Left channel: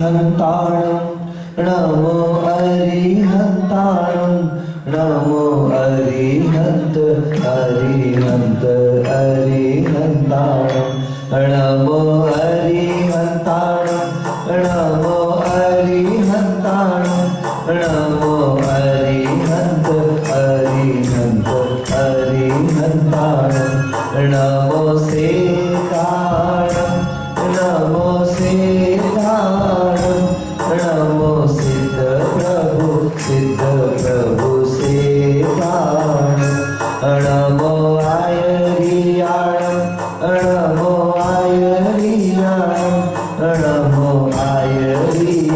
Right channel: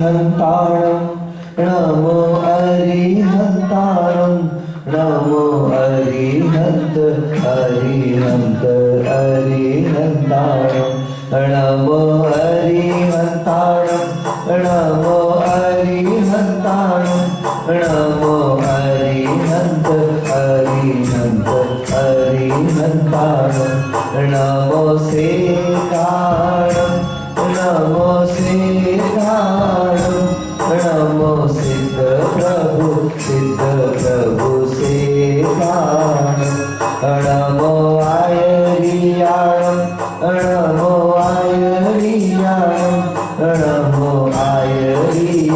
हंताणं नमो अरिहंताणं नमो अरिहंत अरिहंत अरिहंताणं नमो अरिहंताणं नमो अरिहंताणं नमो अरिहंत अरिहंत अरिहंताणं नमो सेकाणं नमो सेकाणं नमो सिद्ध प्रभु सेकाणं नमो आयरियाणं नमो आयरियाणं नमो आयरिय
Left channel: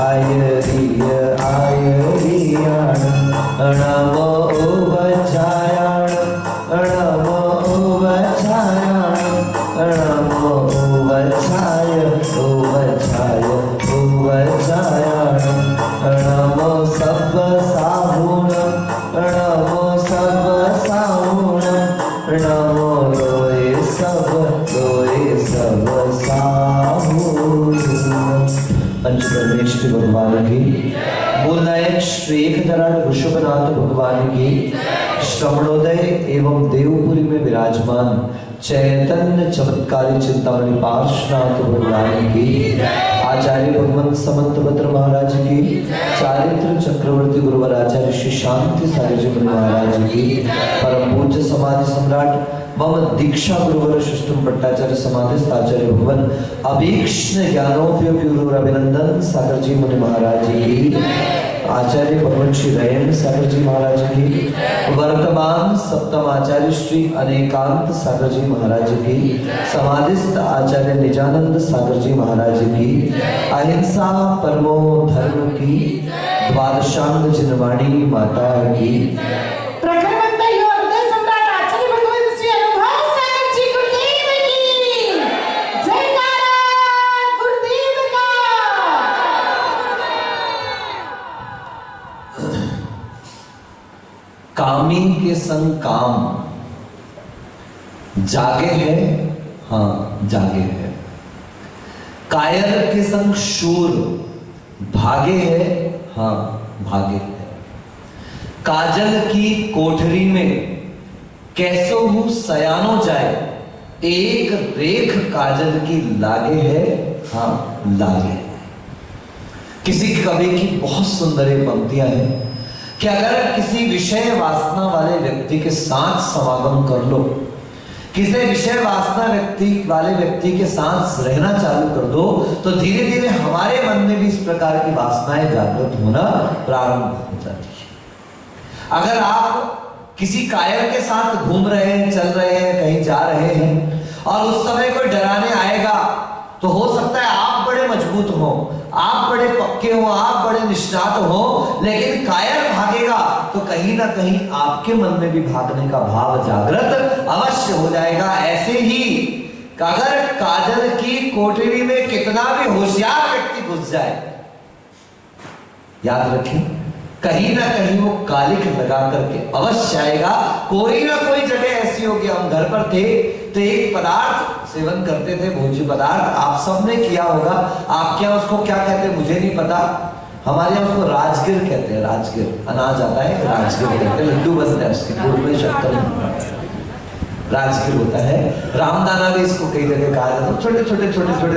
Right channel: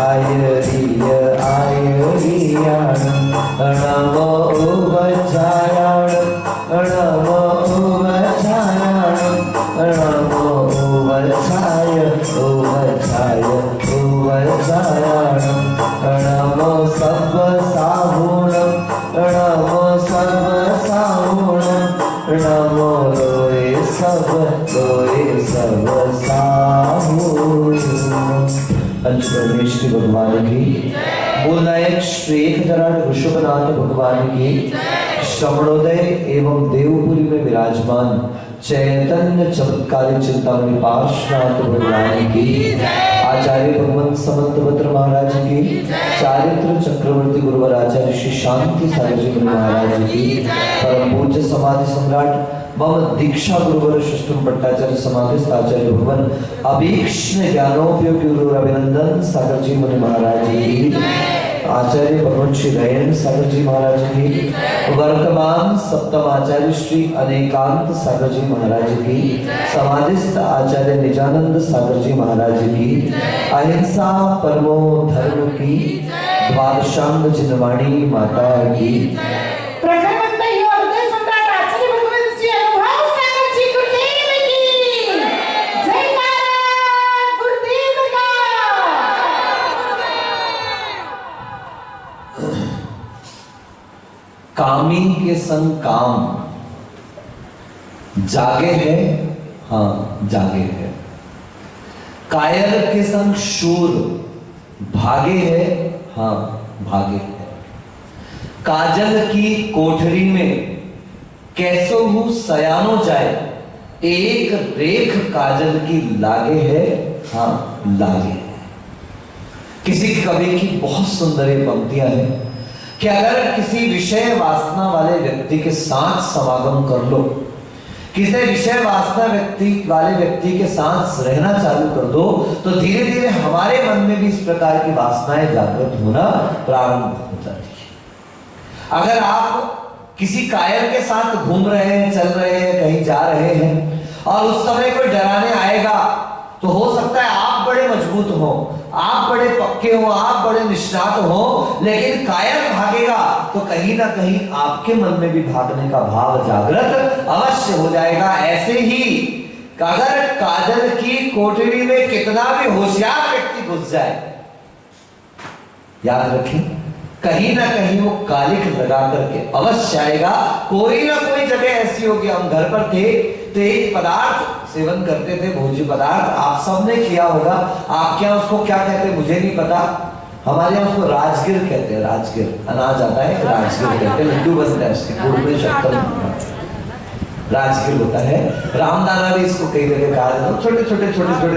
आयरिय आयरियाणं नमो उवचायाणं नमो उवचायाणं नमो उवचाय उवचाय उवचायाणं नमो सब्बसाहुणं नमो सब्बसाहुणं नमो लोये सब्बसाहुणं। पंचपरमेश्वरी भगवान की, मूलनायक श्री एकदराज ऋषभनाथ भगवान की, श्रवणोदय एवं देवपुरी में विराजमान चैतन्य चमत्कारी चिंतामणि पार्श्वनाथ भगवान की, आचार्य भगवंत समंतभद्र महाराज की, चारित्र चक्रवर्ती गुरुवर आचार्य श्री शांति सागर महाराज की, परम पूज्य समाधि सम्राट मम दीक्षा गुरुवर शिष्टम भट्टाचार्य समाधिस्थ आचार्य भगवान अभीक्ष्ण ज्ञानोपयोगी गुरु अभिनंदन सागर जी मुनि महाराज की, आचार्य भगवान श्री दयानंद सागर जी महाराज की, वर्तमान सप्तम आचार्य श्री अनेकांत सागर जी महाराज की, समाधिस्थ आचार्य निजानंद सागर जी महाराज की, अहिंसा परमो धर्म की, द्वादशांग जिनवाणी माता की, कामी के संग काम जागे है, हाँ जागे है। कायर के संग शूर भागे है, हाँ भागे है। काजल की कोठरी में कैसो हूं सयानो जाए, एक रेख काजल की लागे है, हाँ लागे है। किसी कवि की बहुत सुंदर पंक्तियां हैं कि अगर किसी विषय वासना वाले व्यक्ति के साथ समागम कर लो, किसी विषय वासना वाले व्यक्ति के साथ रहना चालू कर दो, तो धीरे धीरे हमारे मन में भी इस प्रकार की वासनाएं जागृत होना प्रारंभ हो जाती है। अगर आप किसी कायर के साथ घूम रहे हैं, चल रहे हैं, कहीं जा रहे हैं और उस समय कोई डराने आएगा, तो हो सकता है आप बड़े मजबूत हो, आप बड़े पक्के हो, आप बड़े निष्णात हो, लेकिन कायर भागेगा तो कहीं ना कहीं आपके मन में भी भागने का भाव जागृत अवश्य हो जाएगा। ऐसे ही अगर काजल की कोठरी में कितना भी होशियार व्यक्ति घुस जाए, याद रखें कहीं ना कहीं वो कालिख लगा करके अवश्य आएगा। कोई ना कोई जगह ऐसी होगी, हम घर पर थे तो एक पदार्थ सेवन करते थे, भोज्य पदार्थ, आप सबने किया होगा। आपके यहाँ उसको क्या कहते हैं मुझे नहीं पता, हमारे यहाँ उसको राजगिर कहते हैं। राजगिर अनाज आता है, राजगिर कहते हैं, लड्डू बनता है उसके, गुड़ में शक्कर राजगिर होता है। रामदाना भी इसको कई जगह कहा जाता है, छोटे छोटे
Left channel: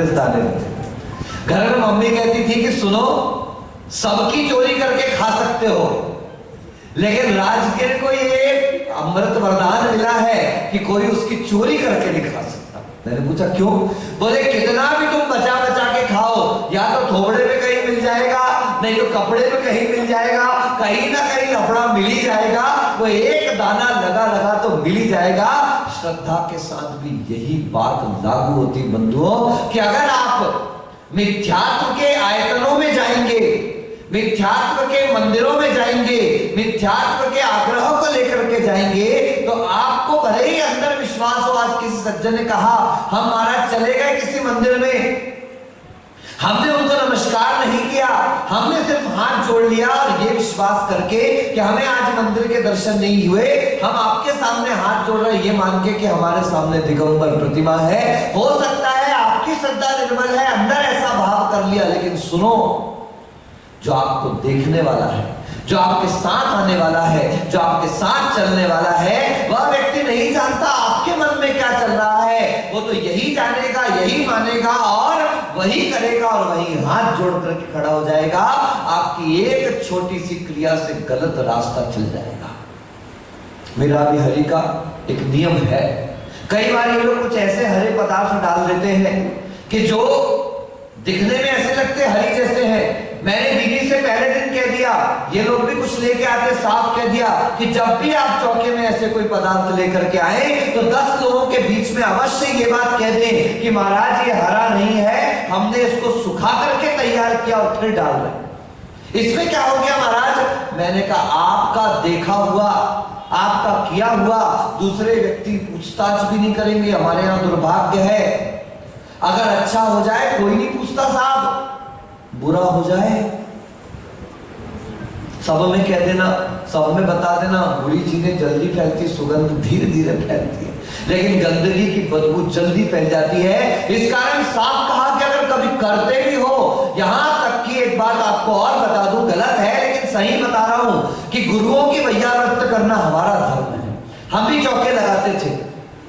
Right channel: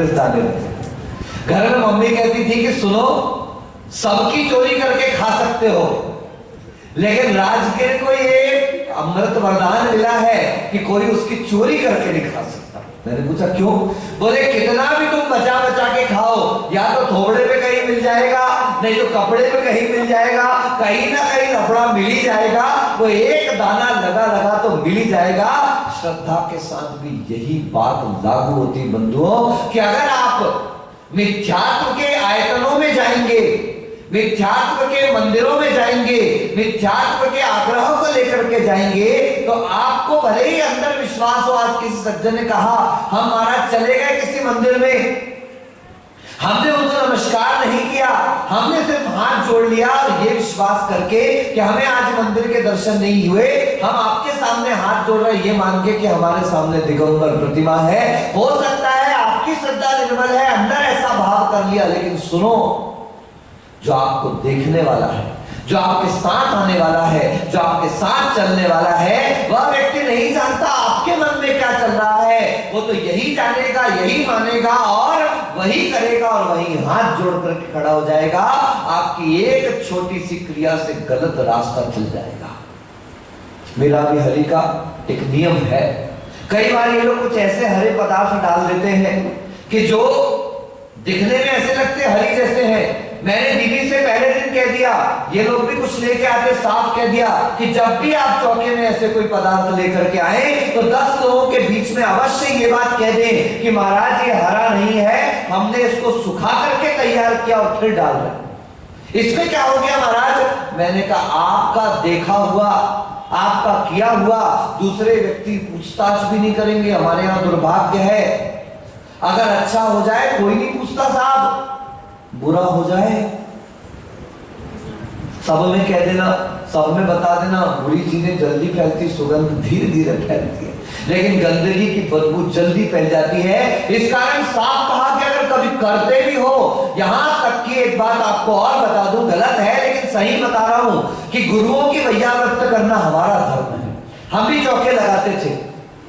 दाने रहते हैं। घर में मम्मी कहती थी कि सुनो, सबकी चोरी करके खा सकते हो, लेकिन राजगिर को ये अमृत वरदान मिला है कि कोई उसकी चोरी करके नहीं खा सकता। मैंने पूछा क्यों? बोले कितना भी तुम बचा बचा के खाओ, या तो थोबड़े पे कहीं मिल जाएगा, नहीं तो कपड़े पे कहीं मिल जाएगा, कहीं ना कहीं कपड़ा मिल ही जाएगा, वो एक दाना लगा लगा तो मिल ही जाएगा। श्रद्धा के साथ भी यही बात लागू होती बंधुओं कि अगर आप मिथ्यात्व के आयतनों में जाएंगे, मिथ्यात्व के मंदिरों में जाएंगे, मिथ्यात्व के आग्रहों को लेकर के जाएंगे, तो आपको भले ही अंदर विश्वास हो। आज किसी सज्जन ने कहा हम महाराज चले गए किसी मंदिर में, हमने उनको नमस्कार नहीं किया, हमने सिर्फ हाथ जोड़ लिया और ये विश्वास करके कि हमें आज मंदिर के दर्शन नहीं हुए, हम आपके सामने हाथ जोड़ रहे ये मान के कि हमारे सामने दिगंबर प्रतिमा है। हो सकता है आपकी श्रद्धा निर्मल है, अंदर ऐसा भाव कर मान लिया, लेकिन सुनो, जो आपको देखने वाला है, जो आपके साथ आने वाला है, जो आपके साथ चलने वाला है, वह व्यक्ति नहीं जानता आपके मन में क्या चल रहा है। वो तो यही जानेगा, यही मानेगा और वही करेगा और वही हाथ जोड़ करके खड़ा हो जाएगा। आपकी एक छोटी सी क्रिया से गलत रास्ता चल जाएगा। मेरा भी हरि का एक नियम है। कई बार ये लोग कुछ ऐसे हरे पदार्थ डाल देते हैं कि जो दिखने में ऐसे लगते हरी जैसे हैं। मैंने दीदी से पहले दिन कह दिया, ये लोग भी कुछ लेके आते, साफ कह दिया कि जब भी आप चौके में ऐसे कोई पदार्थ लेकर के आए तो 10 लोगों के बीच में अवश्य ये बात कह दें कि महाराज ये हरा नहीं है, हमने इसको सुखा करके तैयार किया और फिर डाल रहे। इसमें क्या हो गया महाराज? मैंने कहा आपका देखा हुआ, आपका किया हुआ दूसरे व्यक्ति पूछताछ भी नहीं करेंगे। हमारे यहां दुर्भाग्य है, अगर अच्छा हो जाए कोई नहीं पूछता साहब, बुरा हो जाए सब में कह देना, सब में बता देना। बुरी चीजें जल्दी फैलती, सुगंध धीरे धीरे फैलती है, लेकिन गंदगी की बदबू जल्दी फैल जाती है। इस कारण साफ कहा कि अगर कभी करते भी हो, यहां तक कि एक बात आपको और बता दूं, गलत है लेकिन सही बता रहा हूं कि गुरुओं की वैया व्रत करना हमारा धर्म है। हम भी चौके लगाते थे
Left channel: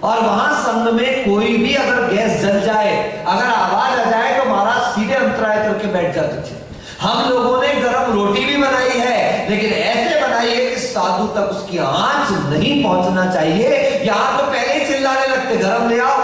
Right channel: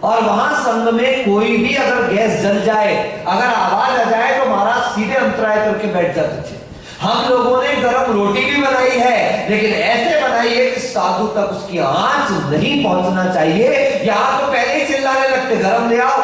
और वहां संग में कोई भी अगर गैस जल जाए, अगर आवाज आ जाए तो महाराज सीधे अंतराय करके बैठ जाते थे। हम लोगों ने गरम रोटी भी बनाई है, लेकिन ऐसे बनाई है कि साधु तक उसकी आंच नहीं पहुंचना चाहिए। यहां तो पहले ही चिल्लाने लगते, गरम ले आओ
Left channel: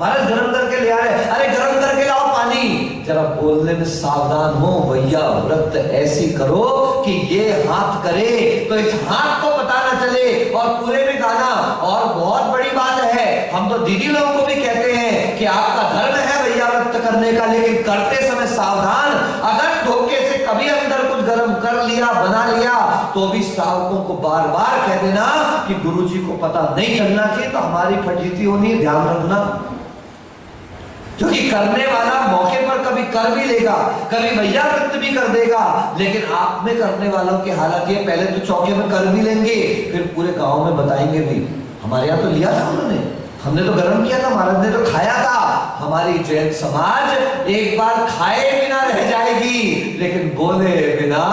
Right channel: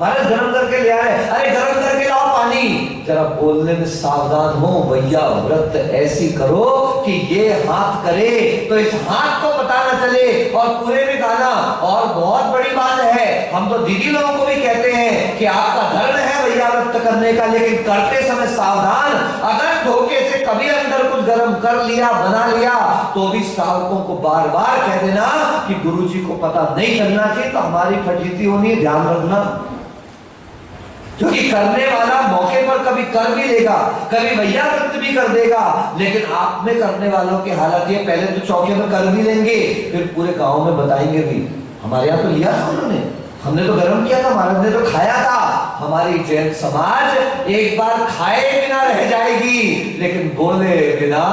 महाराज, गरम करके ले आ रहे, अरे गरम करके लाओ पानी। जरा बोलने में सावधान हो, वैया व्रत ऐसी करो कि ये हाथ करे तो इस हाथ को पता न चले और पूरे में गाना। और बहुत बड़ी बात है, हम तो दीदी लोगों को भी कहते हैं कि आपका धर्म है वैया व्रत करने का, लेकिन करते समय सावधान। अगर धोखे से कभी अंदर कुछ गर्म कर लिया, बना लिया, तो भी श्रावकों को बार बार कह देना कि गुरुजी को पता नहीं चलना चाहिए, तो हमारी फजीती होनी है, ध्यान रखना। क्योंकि करने वाला मौके पर कभी कर भी लेगा, कभी वैया व्रत भी कर देगा, लेकिन आप में करने वालों की हालत ये, पहले तो चौके में कर भी लेंगे, फिर पूरे गांव में बताएंगे भी हमारे यहाँ तो लिया था उन्होंने, हमने तो गर्म किया था, महाराज ने तो खाया था। हमारी जैन समाज एक बार खाए बिना रह जाएगी, लेकिन बोले बिना।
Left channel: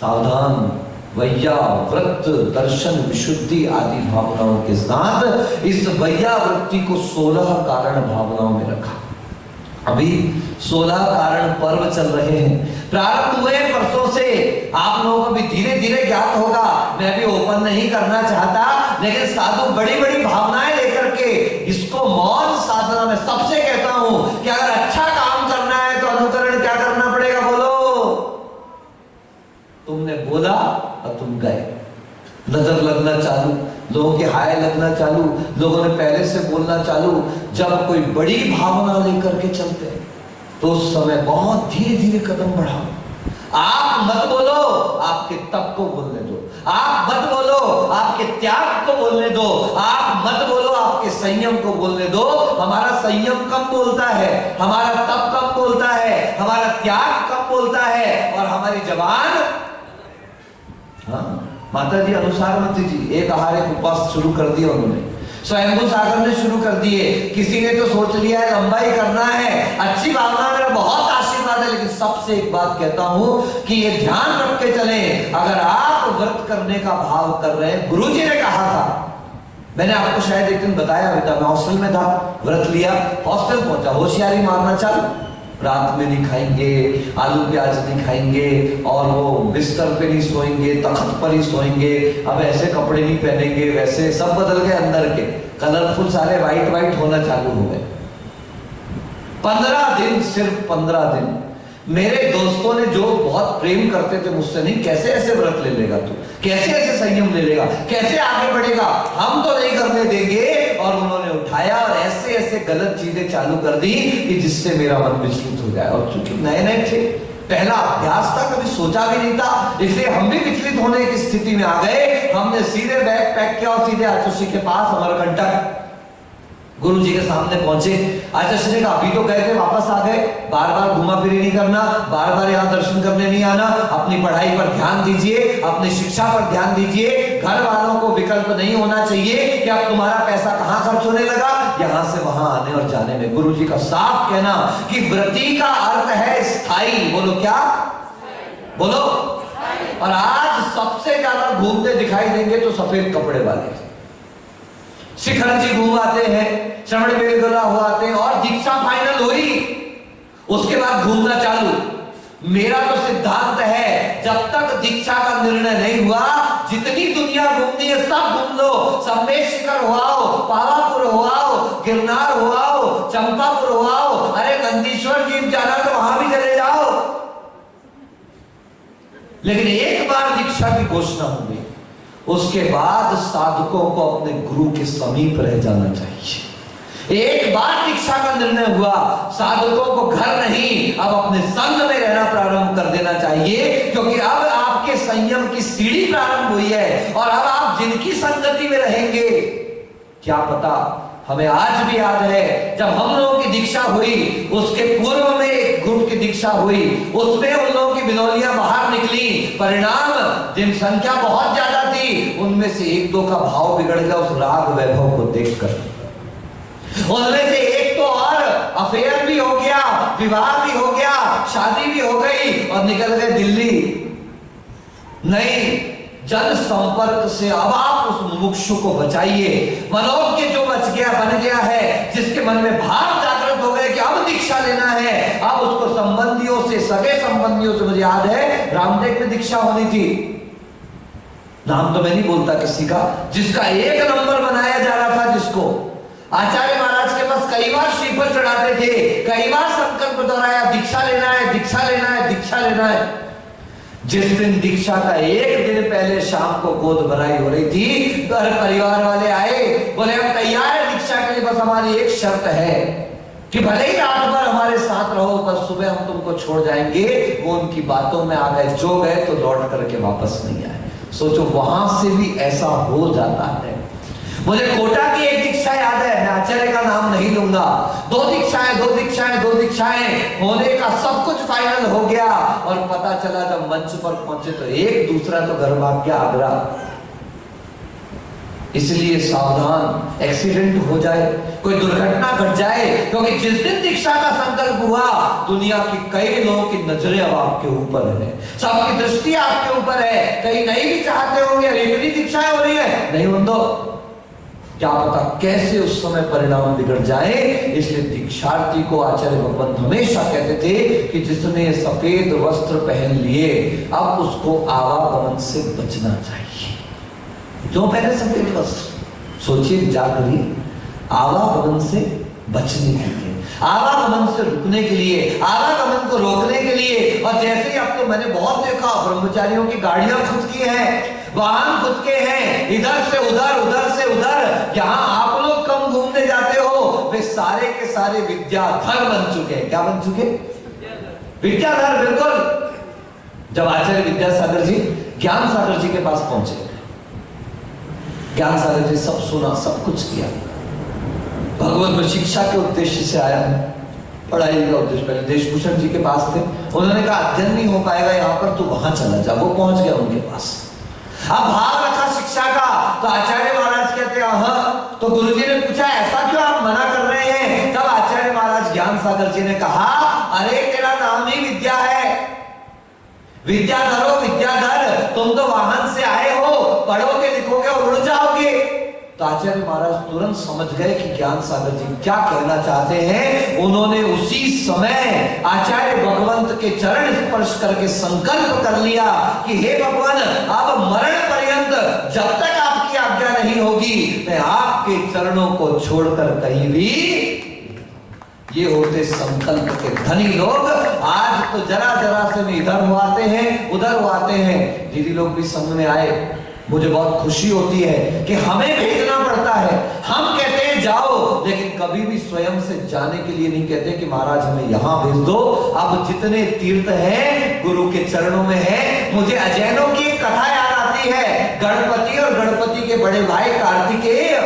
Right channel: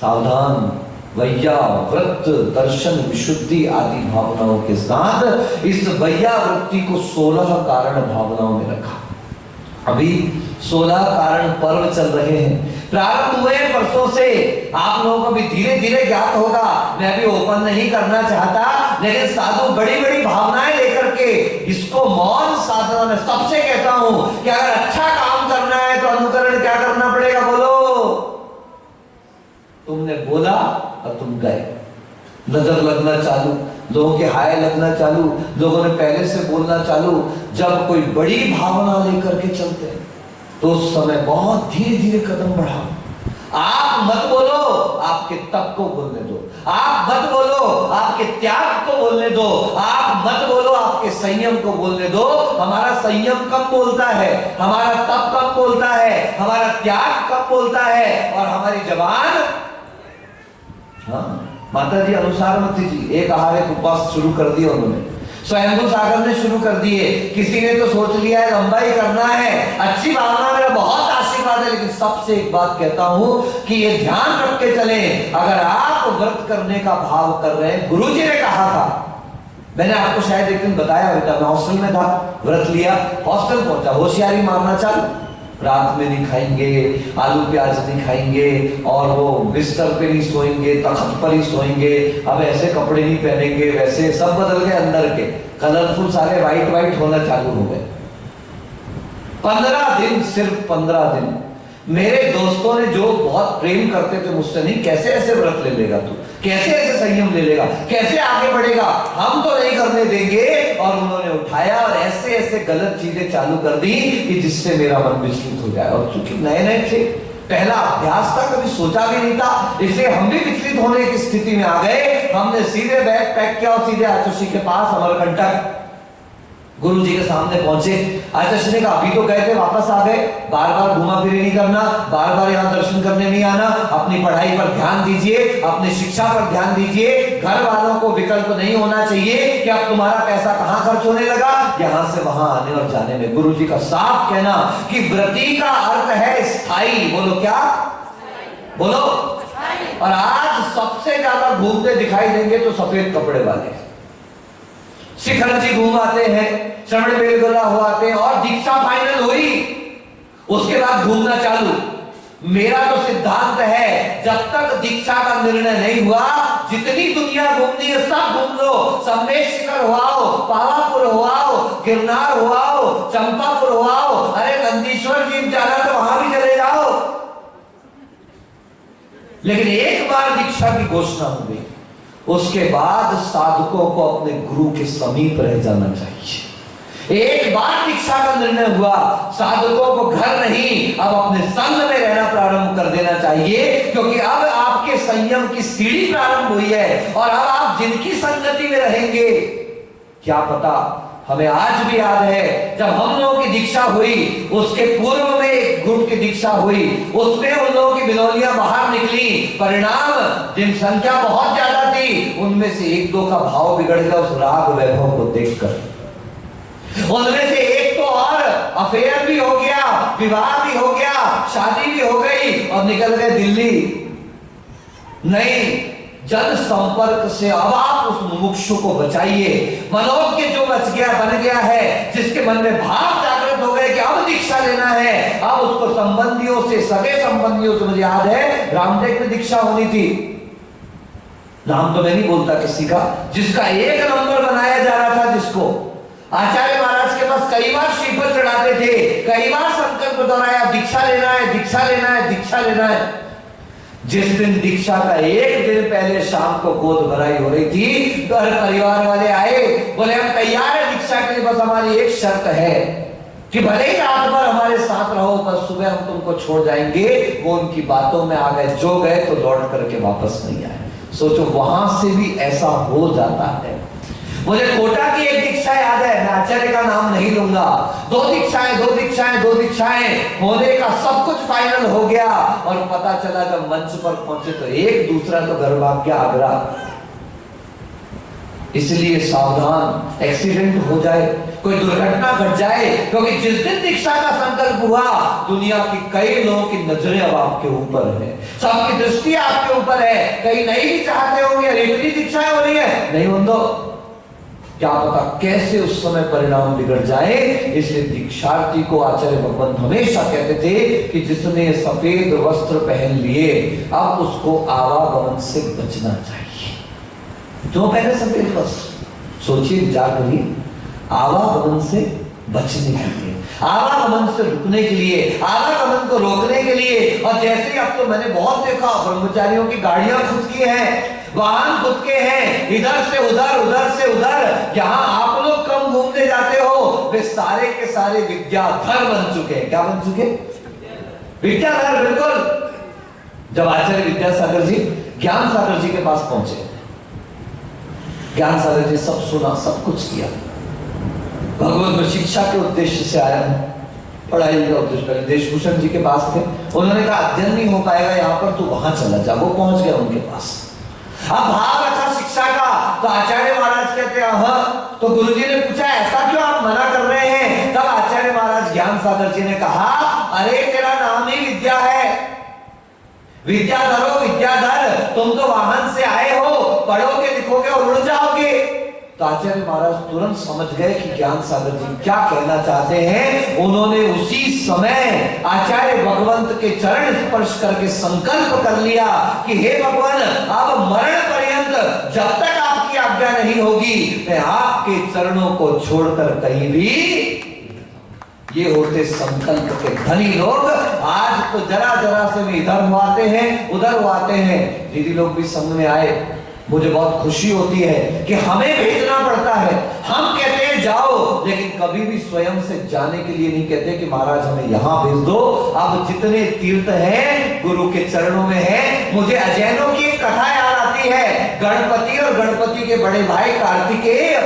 सावधान। वैया व्रत दर्शन विशुद्धि आदि भावनाओं के साथ इस वैया वृत्ति को 16 कारण भावनाओं में रखा। अभी 16 कारण पर्व चल रहे हैं, प्रारंभ हुए परसों से। आप लोगों को भी धीरे धीरे ज्ञात होगा, मैं भी ओपन नहीं करना चाहता, लेकिन साधु बड़ी बड़ी भावनाएं लेकर के इसको मौन साधना में सबसे कहता हूं कि अगर अच्छा काम करना है तो अनुकरण क्या करना पड़ेगा, बोलो। तुमने बोला और तुम गए, नजर लगना चालू, लोगों के हाय लगना चालू, लोगों ने पहले से बोलना चालू। जब कोई बड़ी भावना लेकर के चलते हैं तो उस समय बहुत धीरे धीरे कदम बढ़ाओ। आप मत बोलो, आपके तप को बोलने दो। आप मत बोलो, आपके त्याग को बोलने दो। आप मत बोलो, आपके संयम को बोलने दो। हमारा संयम कम बोलता है, हमारा तप कम बोलता है, हमारा त्याग कम बोलता है, और हमारी जबान। हाँ, माता जी अनुसारमती जी एक आहार एक उपवास शुरू कर दिया उन्होंने, स्वयंभू सागर ने शुरू कर दिए, किसी ने तो सोच लिया है लंबा ही करना है। अच्छी भावना, मेरा बहुत आशीर्वाद है, लेकिन सबसे एक बात कहता हूं कि ये ध्यान रख के चलें, अगर आप व्रत करने का भाव कर रहे हैं, गुरुजी ने कहा था, मैंने आपको शायद एक दिन बताया बेटा, मैं हॉस्टल में था, व्रत लिया, हॉस्टल पहुंचा, होशियारी मारना चालू, रात में नहीं खाएंगे, आलू प्याज नहीं खाएंगे, और वो बिस्तर पे नहीं सोएंगे, तख्त पर ही सोएंगे, अब ऐसे कपड़े नहीं पहनेंगे, वैसे सब बदल गए, अंदर के कलरफुल सारे वाइट वाइट होना चालू हो गए। 15 दिन, सिर्फ 15 दिन। मेरे दोस्तों ने जो बहुत प्रेम करते थे मुझसे, नहीं कैसे ऐसे व्रत ले लेगा तू, कैसे ऐसे संयम ले लेगा, कैसे आगे बढ़ेगा, हम तो नहीं करने देंगे। और उन्होंने उठाया और ऐसे ऐसे गलत चीजें चालू कर दी कि जिससे मेरा मन विचलित हो जाए। और चूंकि नए नए थे, पहला अभ्यास था, कभी सोचा भी नहीं था, इसलिए हम भी विचलित होने की स्थिति में आ गए। हमने सीधे बैग पैक किया और सीधे आचुषी के पास अमरकंटक गुरु जी के सामने पहुंचे। आचार्य ने कहा अभी तो गए थे, वापस आ गए, बार बार घुमा फिरी नहीं करना, बार बार यहाँ दर्शन करने नहीं आना, अपनी पढ़ाई पर ध्यान दीजिए, अपनी शिक्षा पर ध्यान दीजिए। घर वालों को विकल्प नहीं होना चाहिए कि अब तुम्हारा पैसा कहां खर्च होने लगा, यहां से वहां आने और जाने में। गुरु जी का साफ कहना कि व्रती का अर्थ है स्थायी। बोलो क्या? बोलो। और आज सबसे ज्यादा घूमते दिखाई देंगे तो सफेद कपड़े वाले। शिखर जी घूम आते हैं, श्रवण बेलगोला हो आते हैं, और दीक्षा फाइनल हुई उसके बाद घूमना चालू। मेरा तो सिद्धांत है जब तक दीक्षा का निर्णय नहीं हुआ, जितनी दुनिया घूमनी है सब घूम लो। सम्मेश शिखर हुआओ, पावापुर हुआओ, गिरनार हुआओ, चंपापुर हुआओ, अरे नंदीश्वर जी जाना तो वहां भी चले जाओ। लेकिन एक बार दीक्षा की घोषणा हो गई, उसके बाद साधकों को अपने गुरु के समीप रह जाना चाहिए। एक बार दीक्षा का निर्णय हुआ, साधकों को घर नहीं अब अपने संग में रहना प्रारंभ कर देना चाहिए, क्योंकि अब आपके संयम की सीढ़ी प्रारंभ हुई है और अब आप जिनकी संगति में रहेंगे, क्या पता। हमें आज भी याद है जब हम लोगों की दीक्षा हुई, उसके पूर्व में एक ग्रुप की दीक्षा हुई, उसमें उन लोगों की बिनौलियां बाहर निकली। परिणाम जिन संख्या बहुत ज्यादा थी, उनमें से एक दो का भाव बिगड़ गया उस राग वैभव को देखकर। उनमें से एक तो और अफेयर भी हो गया, विवाह भी हो गया, शादी भी हो गई और निकल गए दिल्ली। नहीं, जन संपर्क से अब आप उस मुमुक्षु को बचाइए। मनोज के जो बच गया बन गया है, जिसके मन में भाव जागृत हो गए कि अब दीक्षा लेना है, अब उसको संबंधियों से, सगे संबंधियों से, मुझे याद है रामदेव में दीक्षा होनी थी, नाम तो मैं नहीं बोलता किसी का, जिसका एक नंबर बनाया जा रहा था, जिसको आचार्य महाराज के पास कई बार श्रीफल चढ़ाते थे, कई बार संकल्प दोहराया दीक्षा लेना है, दीक्षा लेना है, दीक्षा लेना है। जिस दिन दीक्षा का एक दिन पहले शाम को गोद भराई हो रही थी, घर परिवार वाले आए, बोले हम तैयार है दीक्षा के लिए, बस हमारी एक शर्त है कि भले ही रात भर हमारे साथ रहो, बस सुबह हम तुमको छोड़ जाएंगे। वो उनकी बातों में आ गए, जो गए तो लौट करके वापस नहीं आए। सोचो वहां से भी ऐसा हो जाता है। मुझे कोटा की एक दीक्षा याद है, मैं आचार्य का नाम नहीं लूंगा। दो दीक्षाएं होने का सब कुछ फाइनल हो गया और पता चला जब मंच पर पहुंचे तो एक दूसरा तो घर भाग गया आगरा। इसलिए सावधान, एक्सीडेंट हो जाए, कोई दुर्घटना घट जाए, क्योंकि जिस दिन दीक्षा का संकल्प हुआ, दुनिया की कई लोगों की नजरें अब आपके ऊपर है, सबकी दृष्टि आपके ऊपर है। कहीं नहीं भी चाहते होंगे, इतनी दीक्षाएं हो रही है, नहीं हो तो क्या पता कैसे उस समय परिणाम बिगड़ जाए। इसलिए दीक्षार्थी को आचार्य भगवंत हमेशा कहते थे कि जिसने सफेद वस्त्र पहन लिए, अब उसको आवागमन से बचना चाहिए। जो पहले सफेद वस्त्र, सोचिए जागरिए, आवागमन से बचने के लिए, आवागमन से रुकने के लिए, आवागमन को रोकने के लिए। और जैसे ही अब तो मैंने बहुत देखा, ब्रह्मचारियों की गाड़ियां खुद की हैं, वाहन खुद के हैं, इधर से उधर, उधर से उधर। जहां आप लोग कम घूमने जाते हो, वे सारे के सारे विद्याधर बन चुके हैं। क्या बन चुके? विद्याधर, बिल्कुल। जब आचार्य विद्यासागर जी ज्ञान सागर जी के पास पहुंचे, ज्ञान सागर जी सब सुना, सब कुछ किया, भगवत में शिक्षा के उद्देश्य से आया है, पढ़ाई का उद्देश्य। पहले देशभूषण जी के पास थे, उन्होंने कहा अध्ययन नहीं हो पाएगा यहाँ पर, तू वहां चला जा। वो पहुंच गया उनके पास। अब भाव रखा शिक्षा का, तो आचार्य महाराज कहते हैं हाँ। तो गुरुजी ने पूछा ऐसा क्यों आप मना कर रहे हैं? तब आचार्य महाराज ज्ञान सागर जी ने कहा, अरे तेरा नाम ही विद्या है, विद्याधरो विद्याधर, तुम तो वाहन से आए हो, पढ़ोगे लिखोगे और उड़ जाओगे। तो आचार्य महाराज तुरंत समझ गए कि ज्ञान सागर जी क्या कहना चाहते हैं। उन्होंने उसी समय आचार्य भगवंत के चरण स्पर्श करके संकल्प कर लिया कि हे भगवान, अब मरण पर्यंत जब तक आपकी आज्ञा नहीं होगी, मैं आपके चरणों को छोड़कर कहीं भी। ये होते संकल्प के धनी लोग। आज तो जरा जरा से में इधर हुआते हैं, उधर हुआते हैं। दीदी लोग भी संग में आए, मुझे बहुत खुशी होती है कि हमें भेजना पड़ता है। हम कहते हैं जाओ, लेकिन कभी भी स्वयं से जाने के लिए नहीं कहते कि महाराज हमें यहां भेज दो। अब जितने तीर्थ हैं गुरु के चरणों में है। मुझे अजैनों की एक कथा याद आती है। गणपति और गणपति के बड़े भाई कार्तिकेय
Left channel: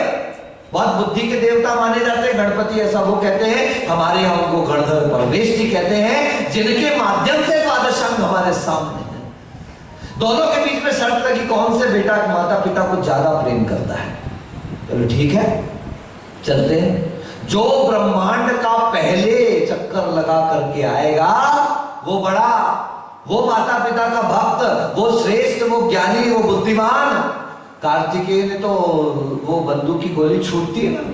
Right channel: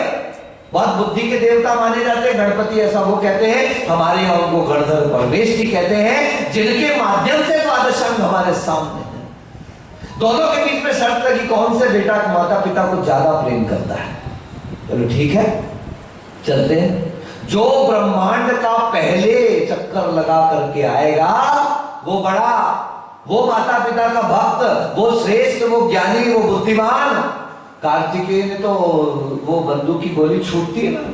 बहुत बुद्धि के देवता माने जाते हैं। गणपति ऐसा वो कहते हैं, हमारे यहाँ उनको गणधर परमेश जी कहते हैं, जिनके माध्यम से द्वादशांग हमारे सामने है। दोनों के बीच में शर्त लगी कौन से बेटा माता पिता को ज्यादा प्रेम करता है। चलो ठीक है, चलते हैं। जो ब्रह्मांड का पहले चक्कर लगा करके आएगा वो बड़ा, वो माता पिता का भक्त, वो श्रेष्ठ, वो ज्ञानी, वो बुद्धिमान। कार्तिकेय ने तो वो बंदूक की गोली छूटती है ना,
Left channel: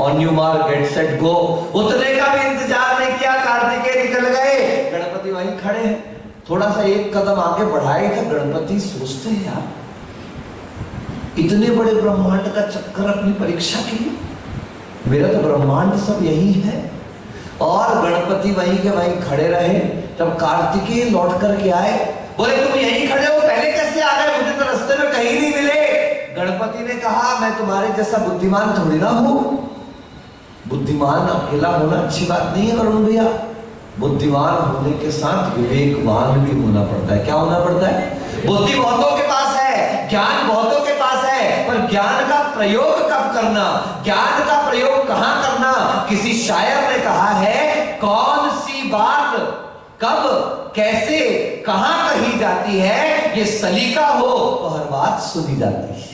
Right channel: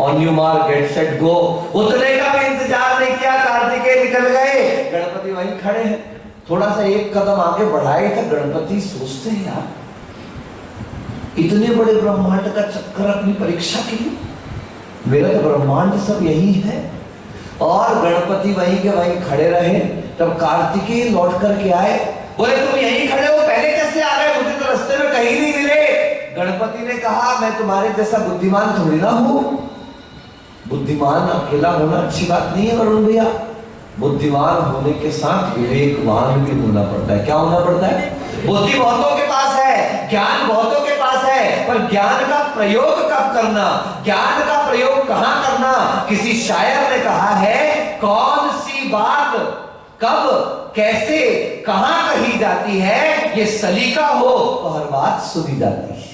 on you mark get set go, उतने का भी इंतजार नहीं किया, कार्तिकेय निकल गए, गणपति वहीं खड़े हैं। थोड़ा सा एक कदम आगे बढ़ाए था गणपति, सोचते हैं यार इतने बड़े ब्रह्मांड का चक्कर अपनी परीक्षा के लिए, मेरा तो ब्रह्मांड सब यही है। और गणपति वहीं के वहीं खड़े रहे। जब कार्तिकेय लौट करके आए, बोले तुम यहीं खड़े हो, पहले कैसे आ गए, मुझे तो रास्ते में कहीं नहीं मिले। गणपति ने कहा मैं तुम्हारे जैसा बुद्धिमान थोड़ी ना हूं। बुद्धिमान अकेला होना अच्छी बात नहीं है वरुण भैया, बुद्धिमान होने के साथ विवेकवान भी होना पड़ता है। क्या होना पड़ता है? बुद्धि बहुतों के पास है, ज्ञान बहुतों के पास है, पर ज्ञान का प्रयोग कब करना, ज्ञान का प्रयोग कहां करना। किसी शायर ने कहा है कौन सी बात कब कैसे कहां कही जाती है, ये सलीका हो तो हर बात सुनी जाती है।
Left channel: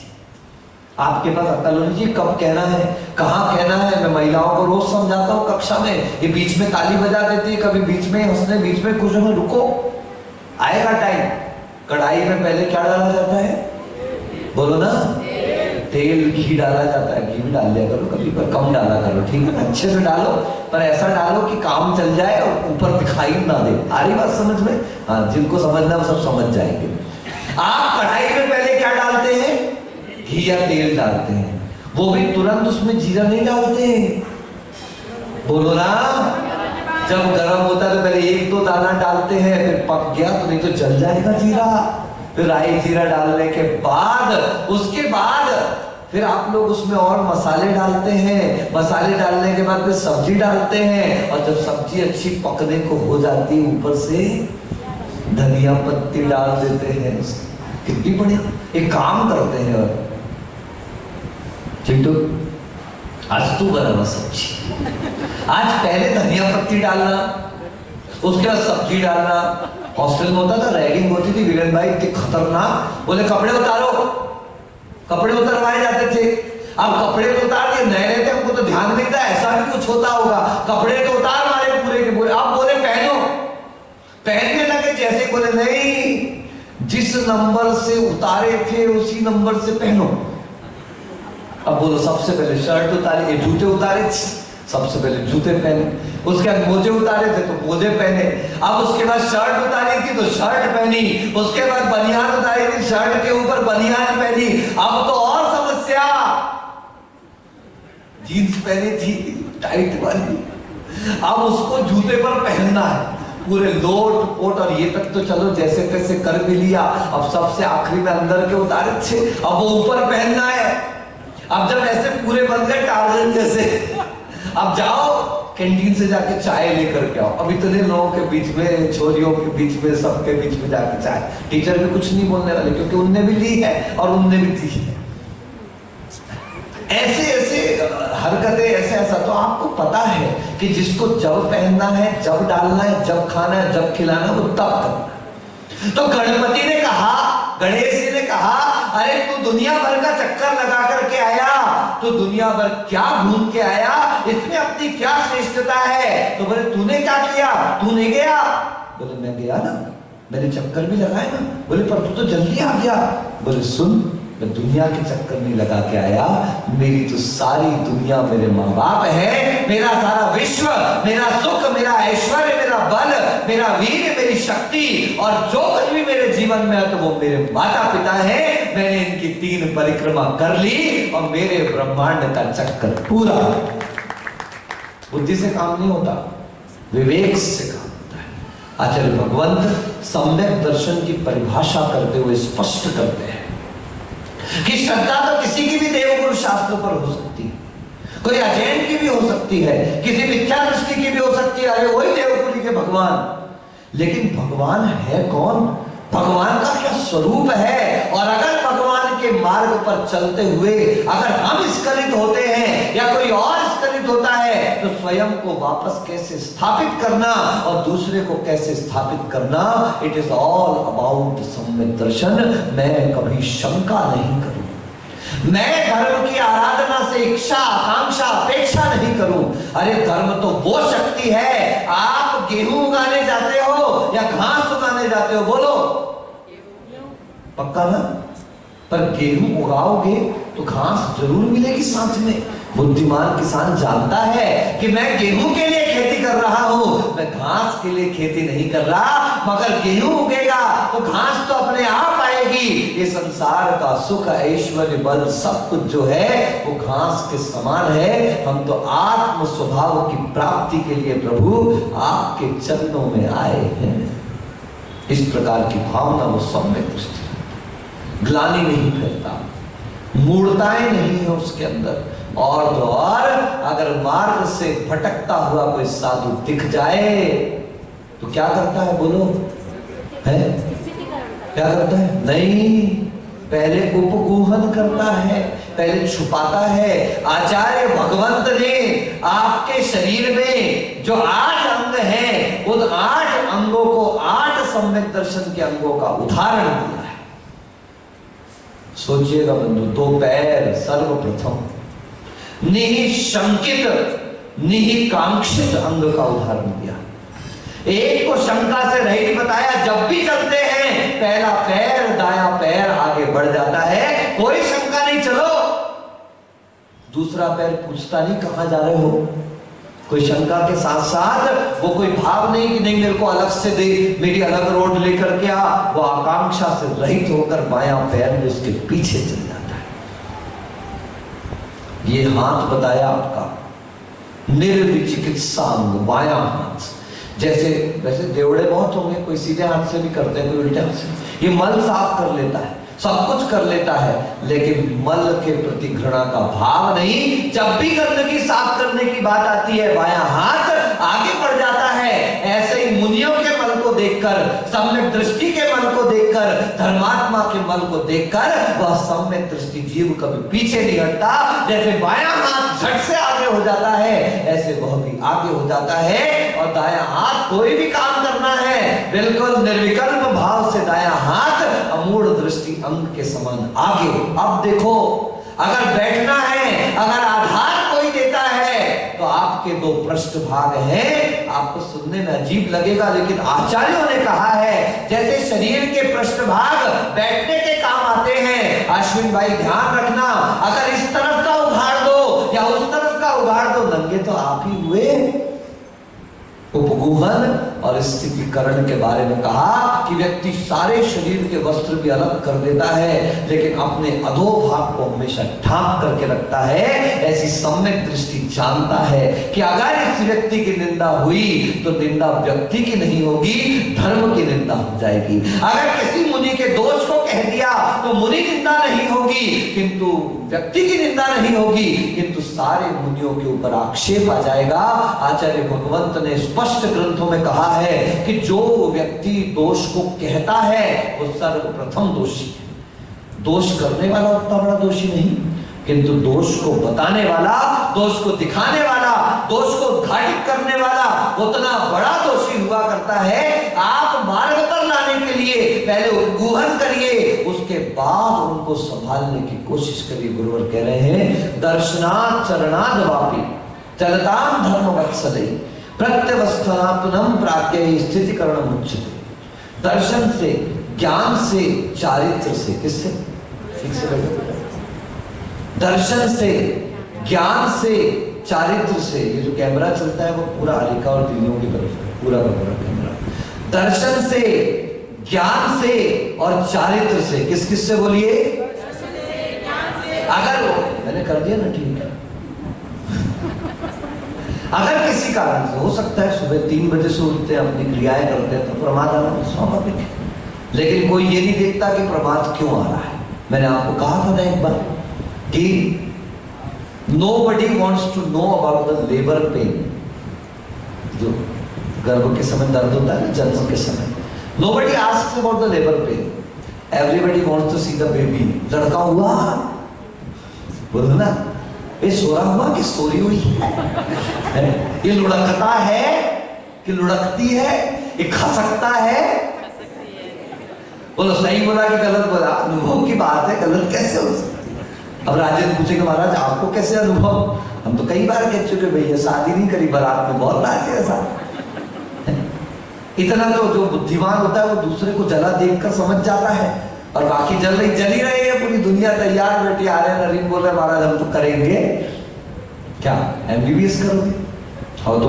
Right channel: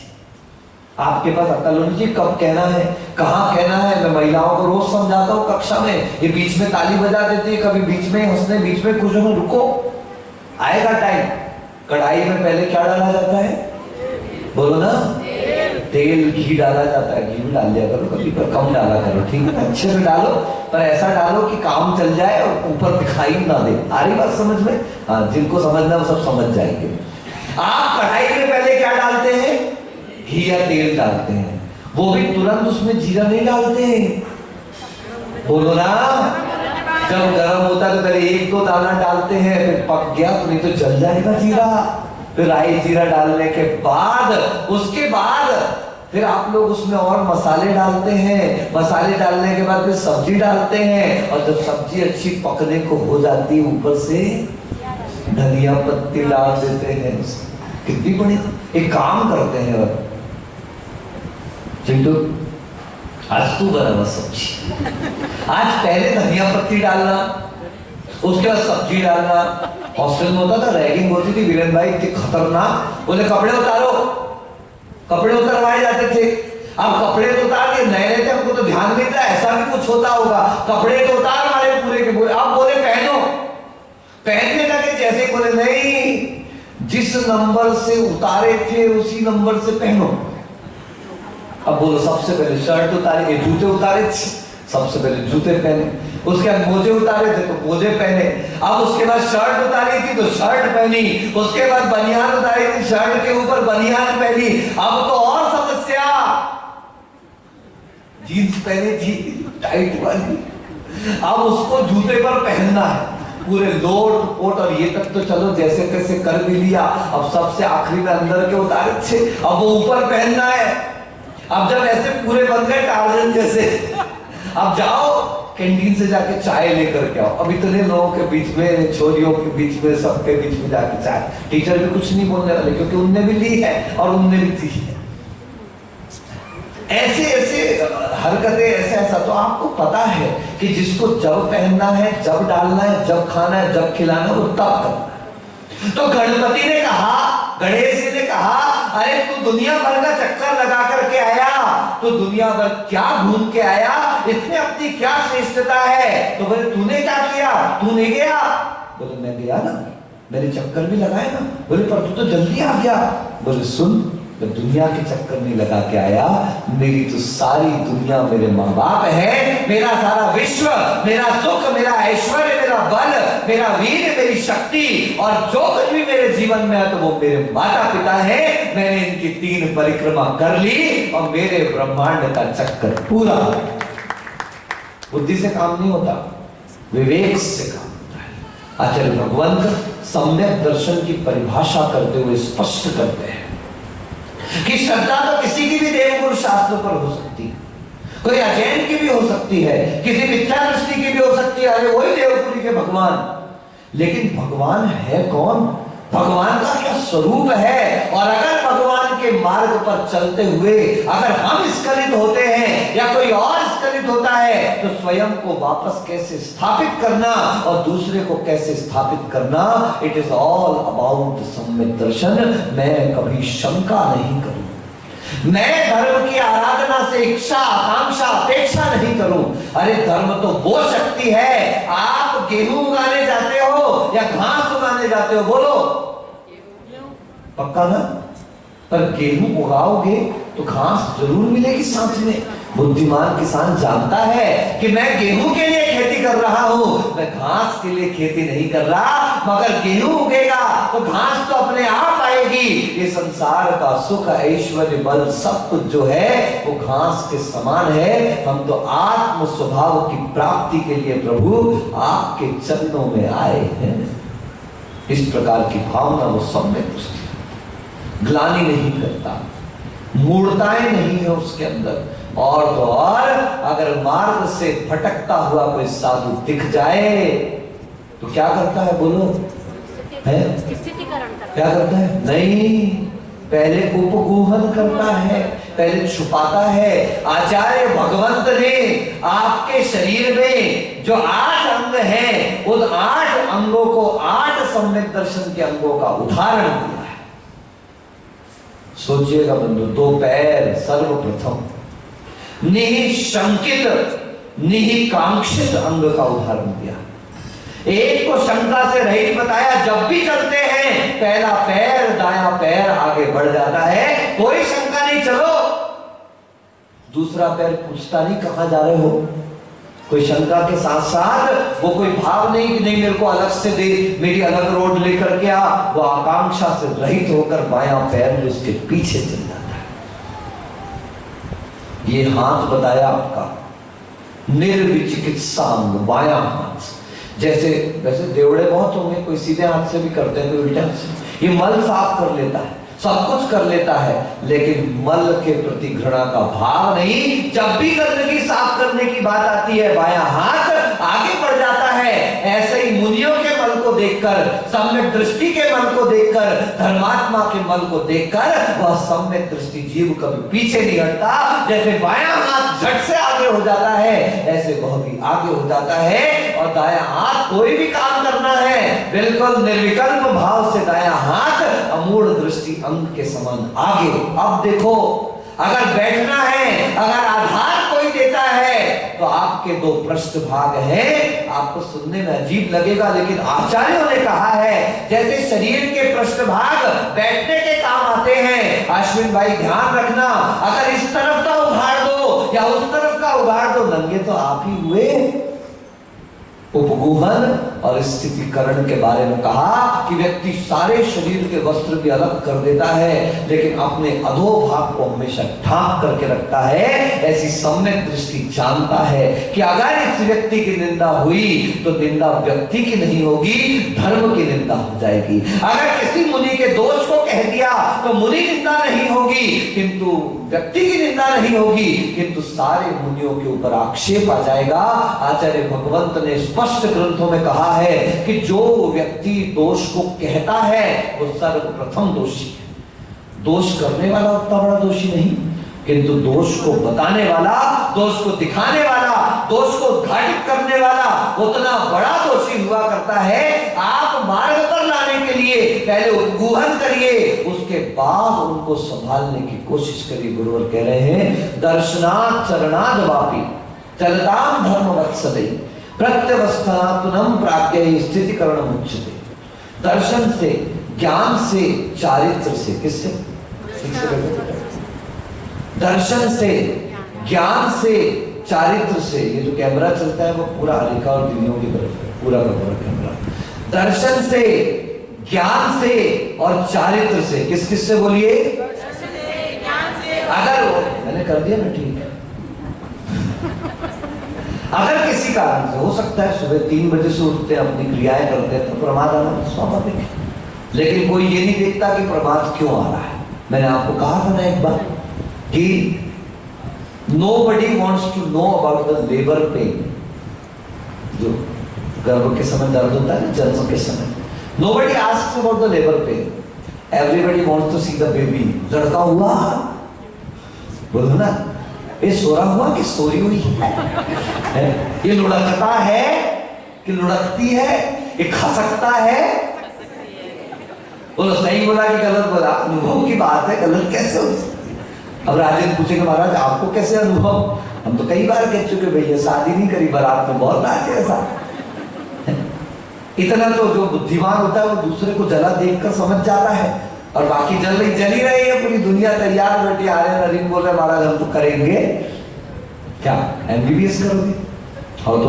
आपके पास अक्ल होनी चाहिए कब कहना है, कहां कहना है। मैं महिलाओं को रोज समझाता हूं कक्षा में, ये बीच में ताली बजा देती है, कभी बीच में हंसने, बीच में कुछ में रुको, आएगा टाइम। कढ़ाई में पहले क्या डाला जाता है, बोलो ना, तेल, घी डाला जाता है। घी भी डाल दिया करो कभी, पर कम डाला करो, ठीक है, अच्छे से डालो, पर ऐसा डालो कि काम चल जाए और ऊपर दिखाई ना दे। आ रही बात समझ में? हाँ, जिनको समझना वो सब समझ जाएंगे। आप कढ़ाई में पहले क्या डालते हैं, घी या तेल डालते हैं, वो भी तुरंत उसमें जीरा नहीं डालते, बोलो ना। जब गर्म होता है तो पहले एक दो दाना डालते हैं, फिर पक गया तो नहीं तो जल जाएगा जीरा, फिर राई जीरा डालने के बाद उसके बाद फिर आप लोग उसमें और मसाले डालते हैं, मसाले डालने के बाद फिर सब्जी डालते हैं, और जब सब्जी अच्छी पकने को हो जाती है ऊपर से धनिया पत्ती डाल देते हैं। कितनी बड़ी एक काम करते हैं। और चिंटू आज तू बना सब्जी, आज पहले धनिया पत्ती डालना, उसके बाद सब्जी डालना। हॉस्टल में होता था, रैगिंग होती थी, वीरेन भाई इतनी खतरनाक, बोले कपड़े उतारो, कपड़े उतरवाए जाते थे। अब कपड़े तो उतार दिए, नए नए थे, हमको तो ध्यान नहीं था ऐसा भी कुछ होता होगा। कपड़े तो उतार मारे पूरे के पूरे, अब बोले पहनो, पहनने लगे। जैसे बोले नहीं, जिस नंबर से उतारे थे उसी नंबर से पहनो। अब बोलो सबसे पहले शर्ट उतारे, जूते उतारे, सबसे पहले जूते पहने, उसके बाद मोजे उतारे थे तो मोजे पहने, अब उसके बाद शर्ट उतारी थी तो शर्ट पहनी, उसके बाद बनियान उतारी थी, शर्ट के ऊपर बनियान पहनी। अब तो और समस्या, जीन्स पहनी थी टाइट वाली, अब उसको जूते पर पहनना है, पूरे लोट पोट, और ये तक तो चलो जैसे तैसे कर भी लिया, अब सबसे आखिरी में अंदर के उतारे थे, अब वो ऊपर पहनना है। अब जब ऐसे पूरे बन गए टार्जन जैसे, अब जाओ कैंटीन से जाके चाय लेकर के आओ। अब इतने लोगों के बीच में, छोरियों के बीच में, सबके बीच में जाके चाय, टीचर भी कुछ नहीं बोलने वाले क्योंकि उनने भी ली है और उनने भी दी है। ऐसे ऐसे हरकतें, ऐसे ऐसा। तो आपको पता है कि जिसको जब पहनना है, जब डालना है, जब खाना है, जब खिलाना है, वो तब करना। तो गणपति ने कहा, गणेश जी ने कहा अरे तू दुनिया भर का चक्कर लगा करके आया, तो दुनिया भर क्या घूम के आया, इसमें अपनी क्या श्रेष्ठता है। तो बोले तूने क्या किया, तू नहीं गया। बोले मैं गया ना, मैंने चक्कर भी लगाया ना। बोले पर तू तो जल्दी आ गया। बोले सुन, मैं दुनिया के चक्कर नहीं लगा के आया, मेरी तो सारी दुनिया मेरे माँ बाप है, मेरा सारा विश्व, मेरा सुख, मेरा ऐश्वर्य, मेरा बल, मेरा वीर, मेरी शक्ति, और जो कुछ भी मेरे जीवन में है तो वो मेरे माता पिता है। मैंने इनकी 3 परिक्रमा कर ली और मेरे ब्रह्मांड का चक्कर पूरा। बुद्धि से काम नहीं होता, विवेक से काम होता है। आचार्य भगवंत सम्यक दर्शन की परिभाषा करते हुए स्पष्ट करते हैं कि श्रद्धा तो किसी की भी देवगुरु शास्त्र पर हो सकती है, कोई अजैन की भी हो सकती है, किसी मिथ्या दृष्टि की भी हो सकती है, अरे वही देवगुरु के भगवान। लेकिन भगवान है कौन, भगवान का क्या स्वरूप है। और अगर भगवान के मार्ग पर चलते हुए अगर हम स्खलित होते हैं या कोई और स्खलित होता है, तो स्वयं को वापस कैसे स्थापित करना और दूसरे को कैसे स्थापित करना, इट इज ऑल अबाउट सम्यक दर्शन। मैं कभी शंका नहीं करूं, मैं धर्म की आराधना से इच्छा आकांक्षा अपेक्षा नहीं करूं। अरे धर्म तो वो शक्ति है, आप गेहूं उगाने जाते हो या घास उगाने जाते हो, बोलो पक्का ना? पर गेहूं उगाओगे तो घास जरूर मिलेगी साथ में। बुद्धिमान किसान जानता है कि मैं गेहूं के लिए खेती कर रहा हूं, मैं घास के लिए खेती नहीं कर रहा। मगर गेहूं उगेगा तो घास तो अपने आप आएगी। ये संसार का सुख ऐश्वर्य बल सब कुछ जो है वो घास के समान है। हम तो आत्म स्वभाव की प्राप्ति के लिए प्रभु आपके चरणों में आए हैं। इस प्रकार की भावना वो सब में घुसती, ग्लानि नहीं करता, मूर्ताएं नहीं है उसके अंदर। और तो और अगर मार्ग से भटकता हुआ कोई साधु दिख जाए तो क्या करता है, बोलो है? क्या करता है? नहीं, पहले उपगूहन करता है, पहले छुपाता है। आचार्य भगवंत ने आपके शरीर में जो 8 अंग हैं, उन 8 अंगों को 8 सम्यक दर्शन के अंगों का उदाहरण दिया है। सोचिएगा बंधु, 2 पैर सर्वप्रथम, निःशंकित निःकांक्षित अंग का उदाहरण दिया। एक को शंका से रहित बताया, जब भी चलते हैं पहला पैर दायां पैर आगे बढ़ जाता है, कोई शंका नहीं, चलो। दूसरा पैर पूछता नहीं कहां जा रहे हो, कोई शंका के साथ साथ वो कोई भाव नहीं कि नहीं मेरे को अलग से दे, मेरी अलग रोड लेकर के आ। वो आकांक्षा से रहित होकर बायां पैर में उसके पीछे चल जाता है। ये हाथ बताया आपका निर्विचिकित्सा अंग, बायां हाथ। जैसे वैसे देवड़े बहुत होंगे, कोई सीधे हाथ से भी करते हैं, कोई उल्टे हाथ से। ये मल साफ कर लेता है, सब कुछ कर लेता है, लेकिन मल के प्रति घृणा का भाव नहीं। जब भी गंदगी साफ करने की बात आती है, बायां हाथ आगे बढ़ जाता है। ऐसे ही मुनियों के मल को देखकर, सम्यक दृष्टि के मल को देखकर, धर्मात्मा के मल को देखकर वह सम्यक दृष्टि जीव कभी पीछे नहीं हटता। जैसे बायां हाथ झट से आगे हो जाता है, ऐसे वह भी आगे हो जाता है। और दायां हाथ कोई भी काम करना है, बिल्कुल निर्विकल्प भाव से दायां हाथ अमूढ़ दृष्टि अंग के समान आगे। अब देखो, अगर बैठना है, अगर आधार कोई देता है, तो आपके 2 पृष्ठभाग हैं। आपको सुनने में अजीब लगेगा, लेकिन आचार्यों ने कहा है जैसे शरीर के पृष्ठभाग बैठने के काम आते हैं। अश्विन भाई ध्यान रखना, अगर इस तरफ का उघाड़ दो या उस तरफ का उघाड़ दो, नंगे तो आप ही हुए। उपगूहन और स्थितिकरण के बारे में कहा कि व्यक्ति सारे शरीर के वस्त्र भी अलग कर देता है, लेकिन अपने अधोभाग को हमेशा ढांक करके रखता है। ऐसी सम्यक दृष्टि जानता है कि अगर इस व्यक्ति की निंदा हुई तो निंदा व्यक्ति की नहीं होगी, धर्म की निंदा हो जाएगी। अगर किसी मुनि के दोष को कह दिया तो मुनि निंदा नहीं होगी, किंतु व्यक्ति की निंदा नहीं होगी, किंतु सारे मुनियों के ऊपर आक्षेप आ जाएगा। आचार्य भगवंत ने स्पष्ट ग्रंथों में कहा है कि जो व्यक्ति दोष को कहता है वो सर्वप्रथम दोषी है। दोष करने वाला उतना बड़ा दोषी नहीं, किंतु दोष को बताने वाला, दोष को दिखाने वाला, दोष को उद्घाटित करने वाला उतना बड़ा दोषी हुआ करता है। आप मार्ग पर लाने के लिए पहले उद्गूहन करिए, उसके बाद उनको संभालने की कोशिश करिए। गुरुवर कह रहे हैं, दर्शनात् चरणाद वापी चलताम धर्म वत्सले प्रत्यवस्थानात्मनम प्राज्ञ स्थितिकरण मुच्यते। दर्शन से, ज्ञान से, चारित्र से, किससे? दर्शन से, ज्ञान से, चारित्र से। ये जो कैमरा चलता है वो पूरा अलिका और दिल्लियों की तरफ है, पूरा का पूरा कैमरा। दर्शन से, ज्ञान से और चारित्र से। किस किस से बोलिए? अगर मैंने कर दिया ना, ठीक है। अगर किसी कारण से, हो सकता है सुबह 3 बजे से उठते हैं, अपनी क्रियाएं करते हैं, तो प्रमाद आना स्वाभाविक है, लेकिन कोई ये नहीं देखता कि प्रमाद क्यों आ रहा है। मैंने आपको कहा था ना एक बार कि nobody wants to know about the labor pain, जो गर्भ के समय दर्द होता है, जन्म के समय। Nobody asks about the labor pain. Everybody wants to see the baby. लड़का हुआ, बोलो ना, ये सोरा हुआ कि सोरी हुई है? ये लुढ़कता है कि लुढ़कती है? ये खसकता है? बोलो सही बोला कि गलत बोला? अनुभव की बात है, गलत कैसे हो सकती? अब राजेंद्र पूछेंगे महाराज आपको कैसे अनुभव? हम तो कई बार कह चुके भैया, शादी नहीं करी, बारात में बहुत नाचे ऐसा। इतना तो जो बुद्धिमान होता है वो दूसरे को जला देखकर समझ जाता है, और बाकी जल ही रही है पूरी दुनिया, तैयार बैठी आ रहे नरीन बोल रहे महाराज हम तो करेंगे क्या, एमबीबीएस करोगे? हाँ तो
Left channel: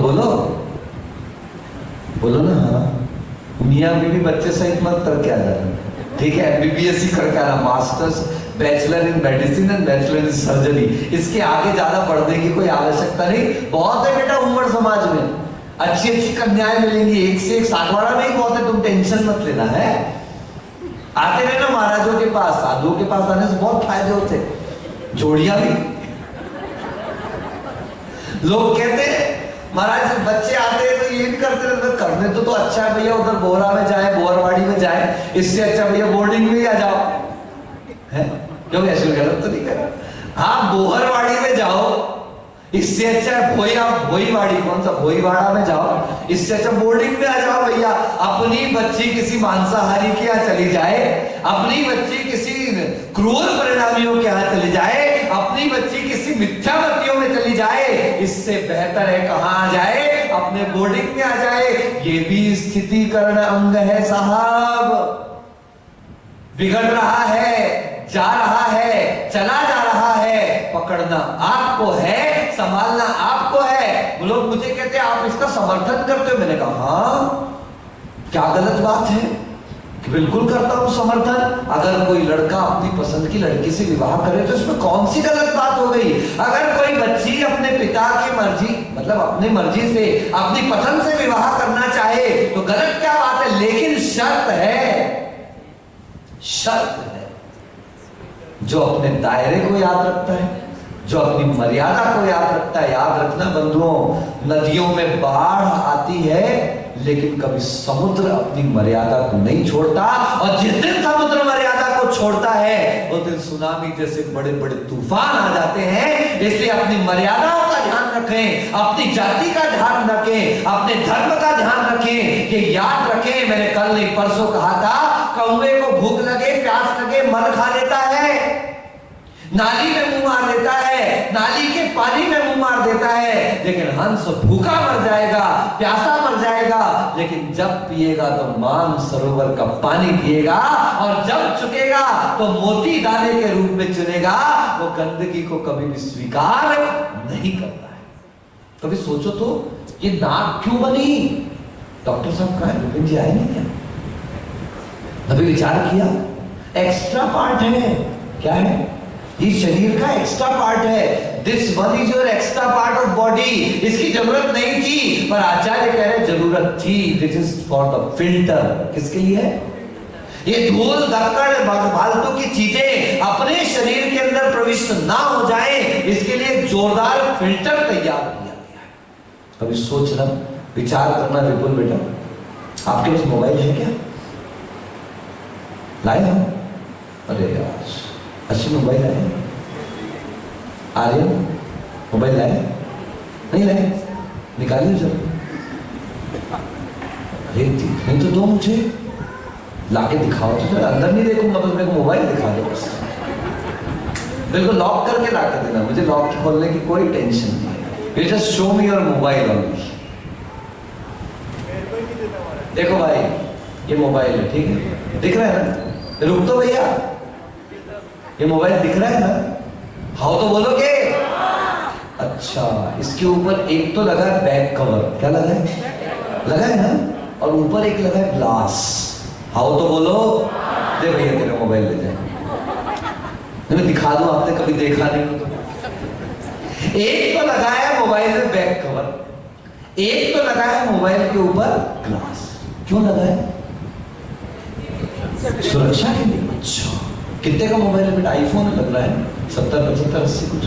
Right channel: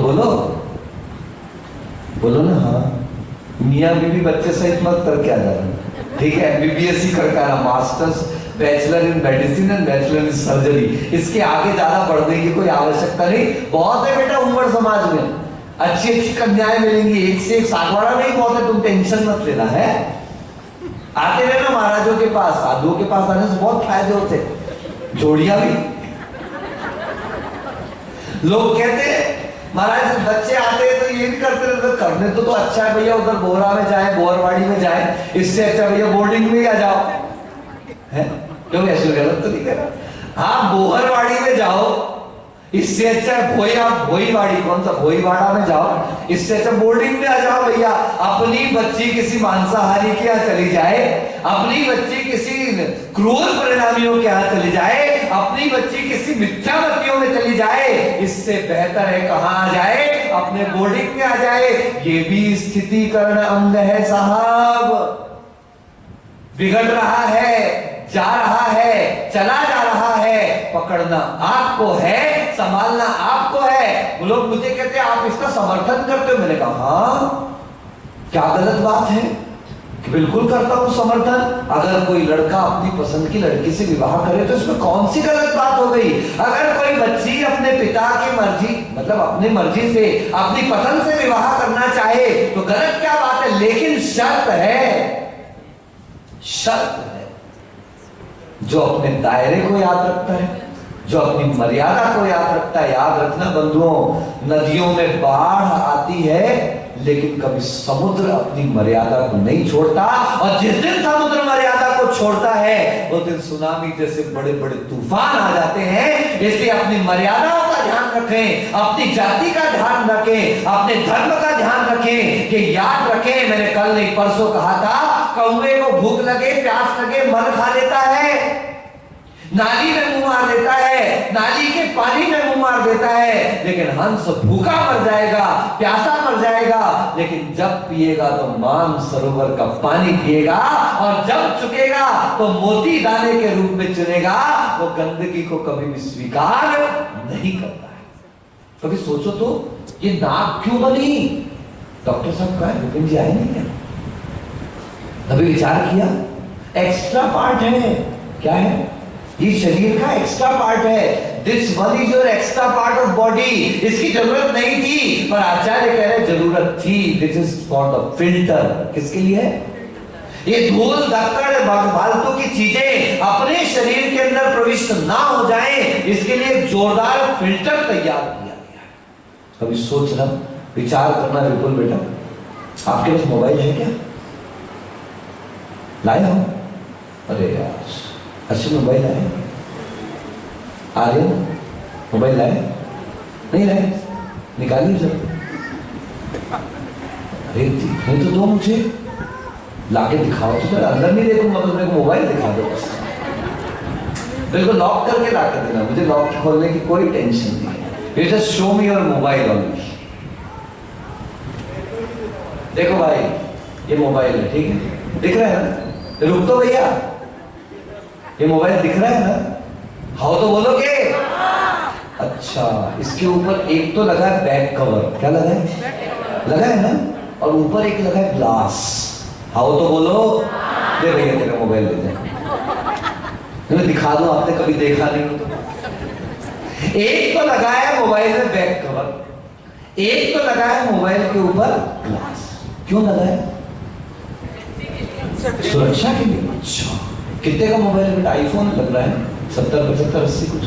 बोलो ना हाँ। मियाँ बीवी बच्चे सहित मत करके आ जाना, ठीक है? एमबीबीएस ही करके आना, masters, bachelor in medicine and bachelor in surgery, इसके आगे ज्यादा बढ़ने की कोई आवश्यकता नहीं। बहुत है बेटा उम्र समाज में, अच्छी अच्छी कन्याएं मिलेंगी, एक से एक, सागवाड़ा में ही बहुत है, तुम टेंशन मत लेना है। आते रहना महाराजों के पास, साधुओं के पास आने से बहुत फायदे होते, जोड़ियां भी। लोग कहते हैं महाराज बच्चे आते हैं तो ये भी करते रहते, करने तो अच्छा है भैया, उधर बोहरा में जाए, बोहरवाड़ी में जाए, इससे अच्छा भैया बोर्डिंग में ही आ जाओ, है? क्यों ऐसे गलत तो नहीं करा? हाँ बोहरवाड़ी में जाओ, इससे अच्छा भोईवाड़ी, कौन सा भोईवाड़ा में जाओ, इससे अच्छा बोर्डिंग में आ जाओ भैया। अपनी बच्ची किसी मांसाहारी के यहाँ चली जाए, अपनी बच्ची किसी क्रूर परिणामियों के यहाँ चली जाए, अपनी बच्ची किसी मिथ्यामतियों में चली जाए, इससे बेहतर है कहाँ आ जाए? अपने बोर्डिंग में आ जाए। ये भी स्थितिकरण अंग है साहब। बिगड़ रहा है, जा रहा है, चला जा रहा है, पकड़ना आपको है, संभालना आपको है। लोग मुझे कहते हैं आप इसका समर्थन करते हो, मैंने कहा हाँ, क्या गलत बात है? कि बिल्कुल करता हूं समर्थन। अगर कोई लड़का अपनी पसंद की लड़की से विवाह करे तो इसमें कौन सी गलत बात हो गई? अगर कोई बच्ची अपने पिता की मर्जी, मतलब अपनी मर्जी से, अपनी पसंद से विवाह करना चाहे तो गलत क्या बात है? लेकिन शर्त है, शर्त है, जो अपने दायरे को याद रखता है, जो अपनी मर्यादा को याद रखता है। याद रखना बंधुओं, नदियों में बाढ़ आती है लेकिन कभी समुद्र अपनी मर्यादा को नहीं छोड़ता, और जिस दिन समुद्र मर्यादा को छोड़ता है उस दिन सुनामी जैसे बड़े बड़े तूफान आ जाते हैं। इसलिए अपनी मर्यादाओं का ध्यान रखें, अपनी जाति का ध्यान रखें, अपने धर्म का ध्यान रखें। कि याद रखें, मैंने कल नहीं परसों कहा था, कौवे को भूख लगे, प्यास लगे, मर खा लेता है, नाली में मुंह मार देता है, नाली के पानी में मुंह मार देता है, लेकिन हंस भूखा मर जाएगा, प्यासा मर जाएगा, लेकिन जब पिएगा तो मान सरोवर का पानी पिएगा, और जब चुकेगा तो मोती दाने के रूप में चुनेगा। वो गंदगी को कभी भी स्वीकार नहीं करता है। कभी सोचो तो ये नाक क्यों बनी? डॉक्टर साहब कहा है, विपिन जी आए नहीं क्या? कभी विचार किया? एक्स्ट्रा पार्ट है। क्या है? ये शरीर का एक्स्ट्रा पार्ट है। This one is your extra part of body. इसकी जरूरत नहीं थी, पर आचार्य कह रहे जरूरत थी। This is for the filter. किसके लिए है? ये धूल धक्कड़ फालतू की चीजें अपने शरीर के अंदर प्रविष्ट ना हो जाए, इसके लिए एक जोरदार फिल्टर तैयार किया गया है। कभी सोचना, विचार करना। विपुल बेटा, आपके पास मोबाइल है क्या? लाए हो? अरे यार, अच्छी मोबाइल लाए? आ रहे हो? मोबाइल लाए? नहीं लाए? निकालिए जरा। अरे नहीं तो दो, मुझे लाके दिखाओ तो। अंदर नहीं देखूंगा तो मेरे को मोबाइल दिखा दो बस। बिल्कुल लॉक करके लाके देना, मुझे लॉक खोलने की कोई टेंशन नहीं है। You just show me your mobile only. देखो भाई, ये मोबाइल है, ठीक है? दिख रहा है ना? रुक तो भैया, ये मोबाइल दिख रहा है ना? हाँ तो बोलोगे? अच्छा, इसके ऊपर एक तो लगा है बैक कवर। क्या लगा है? लगा है ना? और ऊपर एक लगा है ग्लास। हाँ तो बोलो। दे भैया तेरा मोबाइल दे दे, मैं दिखा दूं, आपने कभी देखा नहीं हो तो। एक तो लगा है मोबाइल में बैक कवर, एक तो लगा है मोबाइल के ऊपर ग्लास। क्यों लगा है? सुरक्षा के लिए। अच्छा, कितने का मोबाइल है बेटा? आईफोन लग रहा है 70, 75, 80 कुछ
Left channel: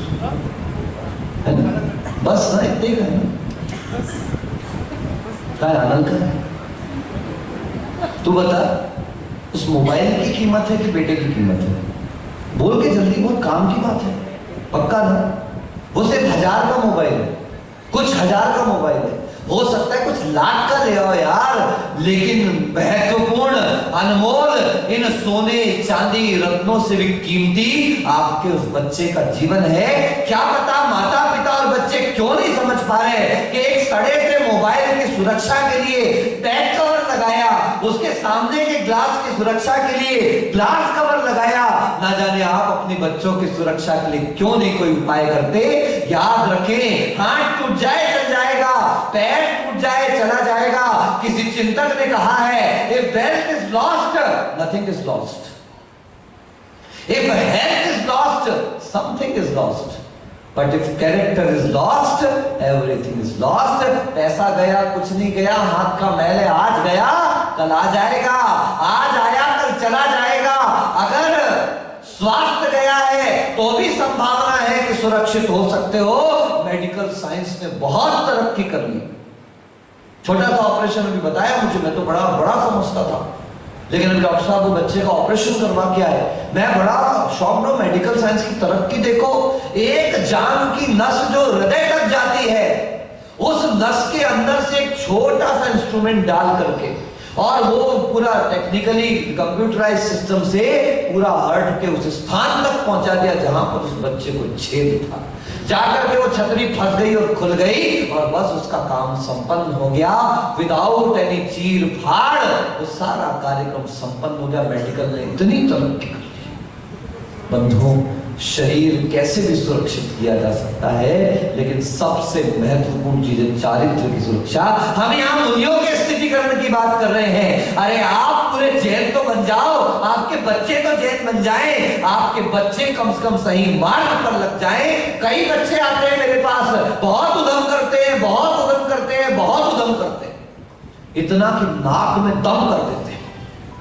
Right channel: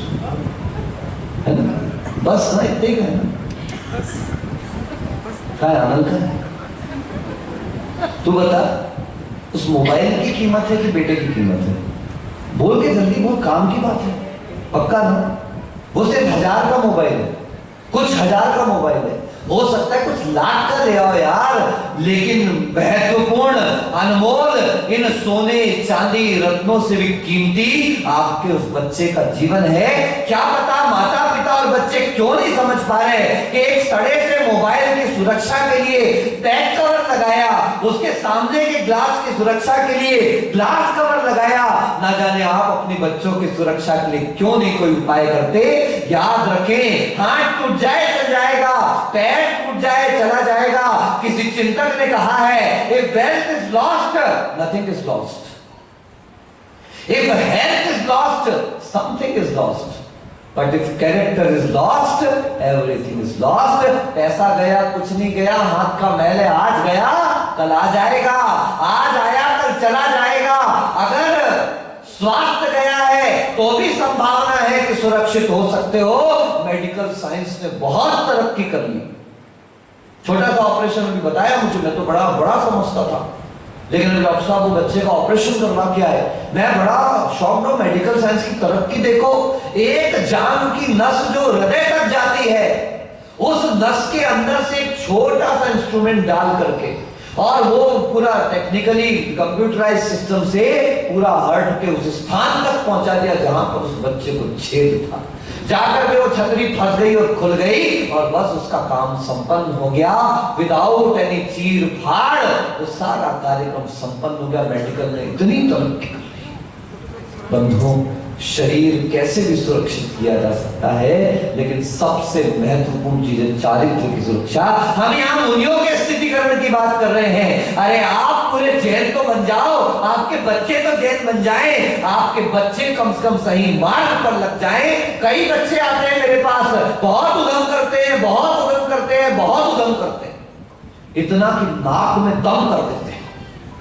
है ना? बस ना, इतने का है ना? क्या है आनंद का? तू बता, उस मोबाइल की कीमत है कि बेटे की कीमत है? बोल के जल्दी बोल, काम की बात है, पक्का ना? वो सिर्फ 1000 का मोबाइल है, कुछ 1000 का मोबाइल है, हो सकता है कुछ लाख का ले आओ यार, लेकिन महत्वपूर्ण अनमोल इन सोने चांदी रत्नों से भी कीमती आपके उस बच्चे का जीवन है। क्या पता माता पिता और बच्चे क्यों नहीं समझ पा रहे कि एक सड़े से मोबाइल की सुरक्षा के लिए बैक कवर लगाया, उसके सामने के ग्लास की सुरक्षा के लिए ग्लास कवर लगाया, ना जाने आप अपने बच्चों की सुरक्षा के लिए क्यों नहीं कोई उपाय करते। याद रखें, हाथ टूट जाए चल जाएगा, पैर टूट जाए चला जाएगा। किसी चिंतक ने कहा है, if wealth is lost, nothing is lost. If health is lost, something is lost. But if character is lost, everything is lost. पैसा गया कुछ नहीं गया, हाथ का मैल है आज गया कल आ जाएगा, आज आया कल चला जाएगा। अगर स्वास्थ्य गया है तो भी संभावना है कि सुरक्षित हो सकते हो। मेडिकल साइंस ने बहुत तरक्की कर ली। छोटा सा ऑपरेशन अभी बताया मुझे, मैं तो बड़ा समझता था, लेकिन डॉक्टर साहब वो बच्चे का ऑपरेशन करवा के आए, मैं बड़ा शॉक्ड हूं। मेडिकल साइंस की तरक्की देखो, एक जान की नस जो हृदय तक जाती है, उस नस के अंदर से एक छोटा सा इंस्ट्रूमेंट डाल करके, और वो पूरा टेक्निकली कंप्यूटराइज सिस्टम से पूरा हार्ट के उस स्थान तक पहुंचा दिया जहां पर उस बच्चे को छेद था। जाकर के वो छतरी फंस गई और खुल गई और बस उसका काम संपन्न हो गया, विदाउट एनी चीर फाड़ वो सारा कार्यक्रम संपन्न हो गया। मेडिकल ने इतनी तरक्की कर ली। बंधुओं, शरीर कैसे भी सुरक्षित किया जा सकता है, लेकिन सबसे महत्वपूर्ण चीज है चारित्र की सुरक्षा। हम यहाँ मुनियों के स्थितिकरण की बात कर रहे हैं। अरे आप पूरे जैन तो बन जाओ, आपके बच्चे तो जैन बन जाएं, आपके बच्चे कम से कम सही मार्ग पर लग जाएं। कई बच्चे आते हैं मेरे पास, बहुत उद्यम करते हैं, बहुत उद्यम करते हैं, बहुत उद्यम करते हैं, इतना कि नाक में दम कर देते हैं।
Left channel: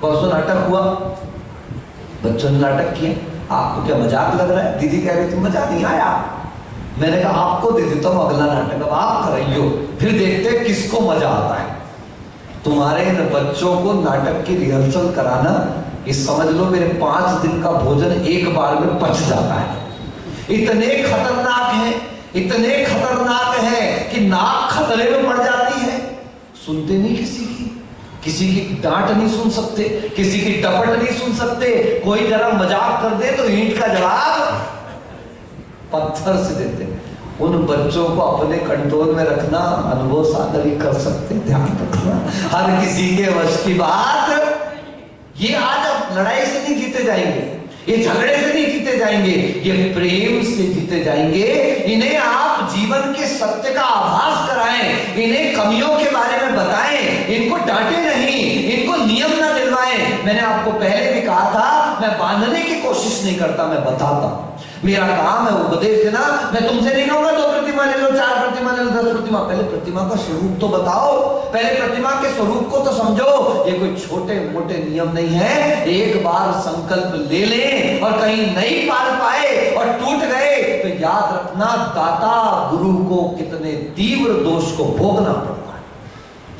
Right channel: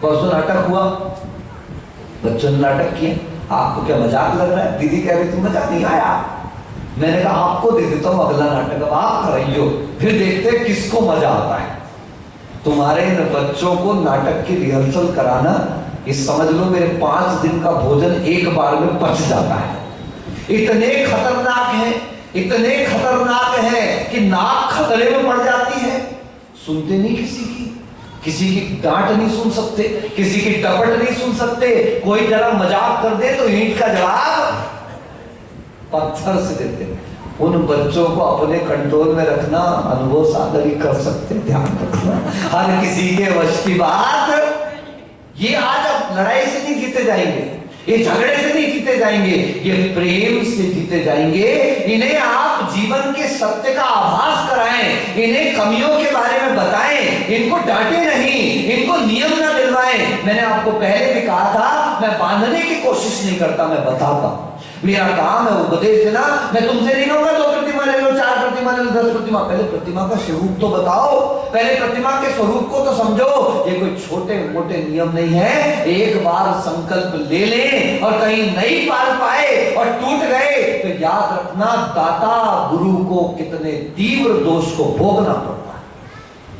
परसों नाटक हुआ, बच्चों ने नाटक किए, आपको क्या मजाक लग रहा है? दीदी कह रही थी मजा नहीं आया। मैंने कहा आपको दे देता हूं अगला नाटक, अब आप कर रही हो, फिर देखते हैं किसको मजा आता है। तुम्हारे बच्चों को नाटक की रिहर्सल कराना, ये समझ लो मेरे 5 दिन का भोजन एक बार में पच जाता है। इतने खतरनाक है, इतने खतरनाक है कि नाक खतरे में पड़ जाती है। सुनते नहीं किसी की डांट नहीं सुन सकते, किसी की टपट नहीं सुन सकते। कोई जरा मजाक कर दे तो ईंट का जवाब पत्थर से देते। उन बच्चों को अपने कंट्रोल में रखना अनुभव सागर ही कर सकते, ध्यान रखना। हर किसी के वश की बात ये आज अब लड़ाई से नहीं जीते जाएंगे, ये झगड़े से नहीं जीते जाएंगे, ये प्रेम से जीते जाएंगे। इन्हें आप जीवन के सत्य का आभास कराएं, इन्हें कमियों के बारे में बताएं, इनको डांटे नहीं, इनको नियम ना दिलवाएं। मैंने आपको पहले भी कहा था, मैं बांधने की कोशिश नहीं करता, मैं बताता। मेरा काम है उपदेश देना। मैं तुमसे नहीं कहूंगा 2 प्रतिमा ले लो, 4 प्रतिमा ले लो, 10 प्रतिमा। पहले प्रतिमा का स्वरूप तो बताओ, पहले प्रतिमा के स्वरूप को तो समझो। ये कोई छोटे मोटे नियम नहीं है। एक बार संकल्प ले लें और कहीं नहीं पाल पाए और टूट गए तो याद रखना दाता गुरु को कितने तीव्र दोष को भोगना पड़ता है।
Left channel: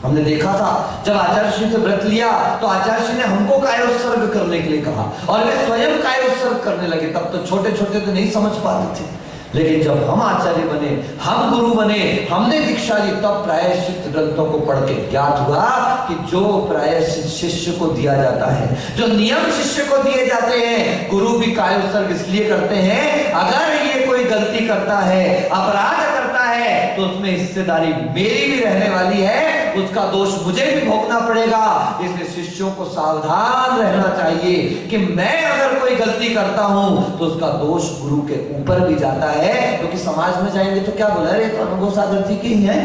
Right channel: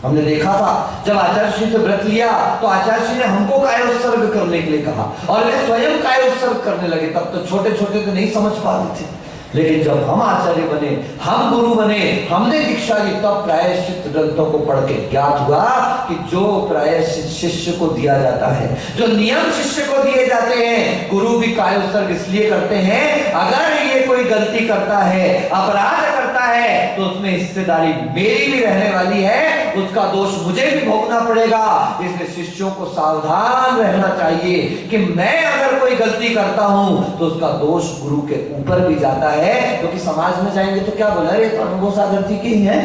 हमने देखा था जब आचार्य श्री से व्रत लिया तो आचार्य श्री ने हमको कायोत्सर्ग करने के लिए कहा और वे स्वयं कायोत्सर्ग करने लगे। तब तो छोटे छोटे तो नहीं समझ पाते थे, लेकिन जब हम आचार्य बने, हम गुरु बने, हमने दीक्षा ली, तब प्रायश्चित ग्रंथों को पढ़ के ज्ञात हुआ कि जो प्रायश्चित शिष्य को दिया जाता है, जो नियम शिष्य को दिए जाते हैं, गुरु भी कायोत्सर्ग इसलिए करते हैं अगर ये कोई गलती करता है, अपराध करता है तो उसमें हिस्सेदारी मेरी भी रहने वाली है, उसका दोष मुझे भी भोगना पड़ेगा। इसलिए शिष्यों को सावधान रहना चाहिए कि मैं अगर कोई गलती करता हूं तो उसका दोष गुरु के ऊपर भी जाता है, क्योंकि समाज में जाएंगे तो क्या बोला, अरे अनुभव सागर जी के ही है।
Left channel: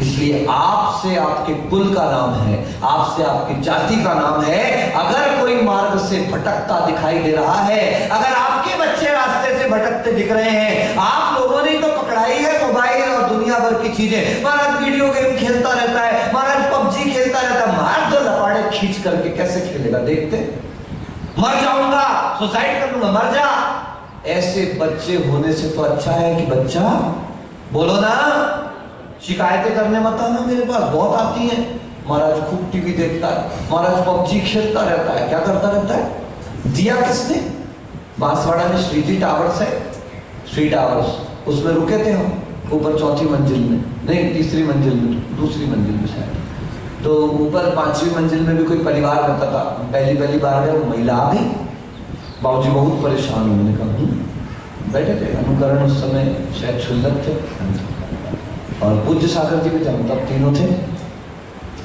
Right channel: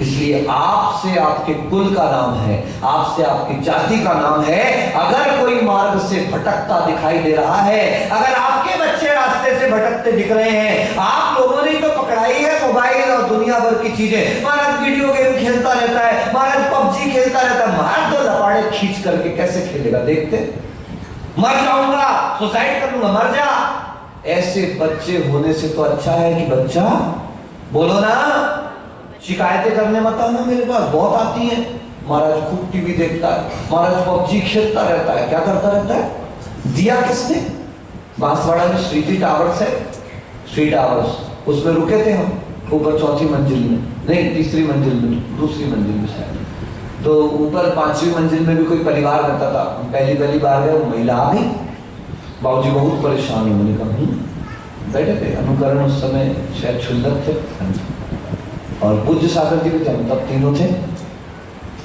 इसलिए आपसे आपके कुल का नाम है, आपसे आपकी जाति का नाम है। अगर कोई मार्ग से भटकता दिखाई दे रहा है, अगर आपके बच्चे रास्ते से भटकते दिख रहे हैं, आप लोगों ने तो पकड़ाई है मोबाइल और दुनिया भर की चीजें। महाराज वीडियो गेम खेलता रहता है, महाराज पबजी खेलता रहता है, महाराज तो लपाड़े खींच करके कैसे खेलेगा, देखते मर जाऊंगा, सुसाइड कर लूंगा, मर जा। ऐसे बच्चे होने से तो अच्छा है कि बच्चा बोलो ना, शिकायतें करने मत आना, मेरे पास बहुत आती है। महाराज खूब टीवी देखता है, महाराज पबजी खेलता रहता है, क्या करता रहता है। दिया किसने? बांसवाड़ा में श्रीजी टावर्स है, 3 टावर्स, उसमें रुके थे हम ऊपर 4थी मंजिल में, नहीं 3री मंजिल में, 2री मंजिल में शायद। तो ऊपर 5वीं मंजिल में भी कोई परिवार रहता था, पहली बार गए, महिला आ गई, बाबूजी बहुत परेशान हुए। मैंने कहा बैठे थे, अनुकरण उस समय शायद क्षुल्लक थे और पूज्य सागर जी भी थे, हम तब तीनों थे।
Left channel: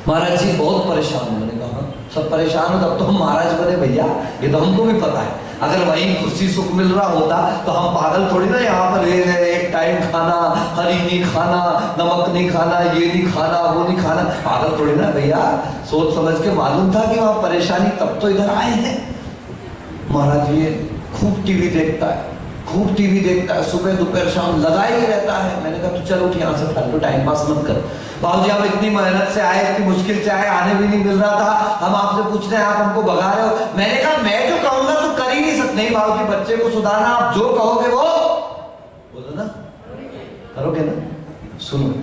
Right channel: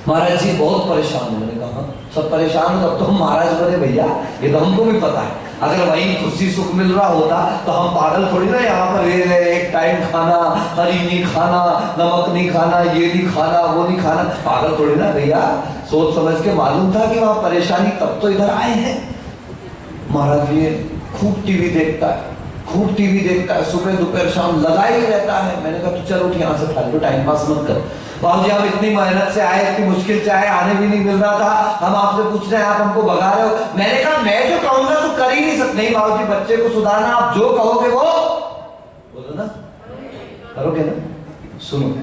महाराज जी बहुत परेशान है। मैंने कहा सब परेशान हो तब तो हम महाराज बने भैया, ये तो हमको भी पता है। अगर वहीं खुशी सुख मिल रहा होता तो हम पागल थोड़ी ना यहाँ पर एक टाइम खाना, हरी नहीं खाना, नमक नहीं खाना, ये नहीं खाना, वो नहीं खाना, पागल थोड़ी ना भैया। सोच समझ के मालूम था कि वहाँ परेशानी, तब तो इधर आए हैं। महाराज ये खूब टीवी देखता है, खूब टीवी देखता है, सुबह दोपहर शाम लगा ही रहता है। मैंने कहा तो चल उठ यहाँ से, फालतू टाइम पास मत कर। बाबूजी आप इतनी मेहनत से आए, इतनी मुश्किल से आए, आने भी नहीं मिल रहा था, हम आपसे पूछ रहे हैं, आप हमको भगा रहे हो। मैंने कहा मैं जो कहूंगा तो कर ही नहीं सकते। नहीं बाबूजी बच्चे को सुधारना, आप जो कहोगे वो बोलो ना, करोगे ना। सुनो,